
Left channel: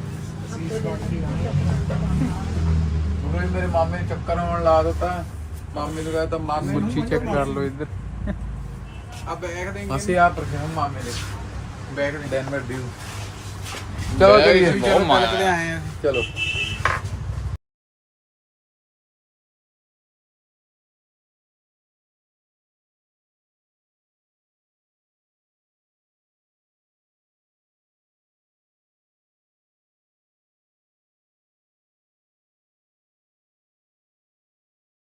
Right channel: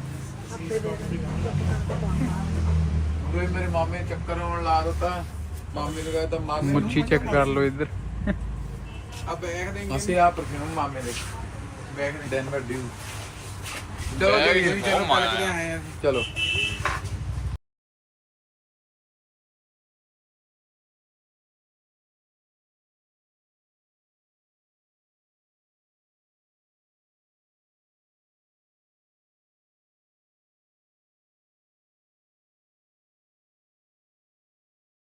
S2: ਕੋਈ ਮੇਰੇ ਮਾਮੇ ਚੱਕਰ ਆਉਣ ਲਾ ਦਿੱਤਾ ਮਾਮੇ ਨੂੰ ਕਹਿੰਦਾ ਮਾਮੇ ਨੂੰ
S1: ਮੁੱਛੀ ਚੈੱਕ ਕਰ ਲਓ ਇੱਧਰ
S4: ਆ ਬੈਗ ਦੇਂਗੇ
S2: ਅਸੀਂ ਆ ਪਰਫਿਊਮ ਮਾਮੇ ਦੇ ਬੈਗ ਡੈਨਵਰ ਡਿਊ ਚਲੋ
S1: ਬੈਗ
S2: ਜੀ
S1: ਬਹੁਤ ਮਾਇਆ।
S4: ਆਏ ਆ
S2: ਚਲੋ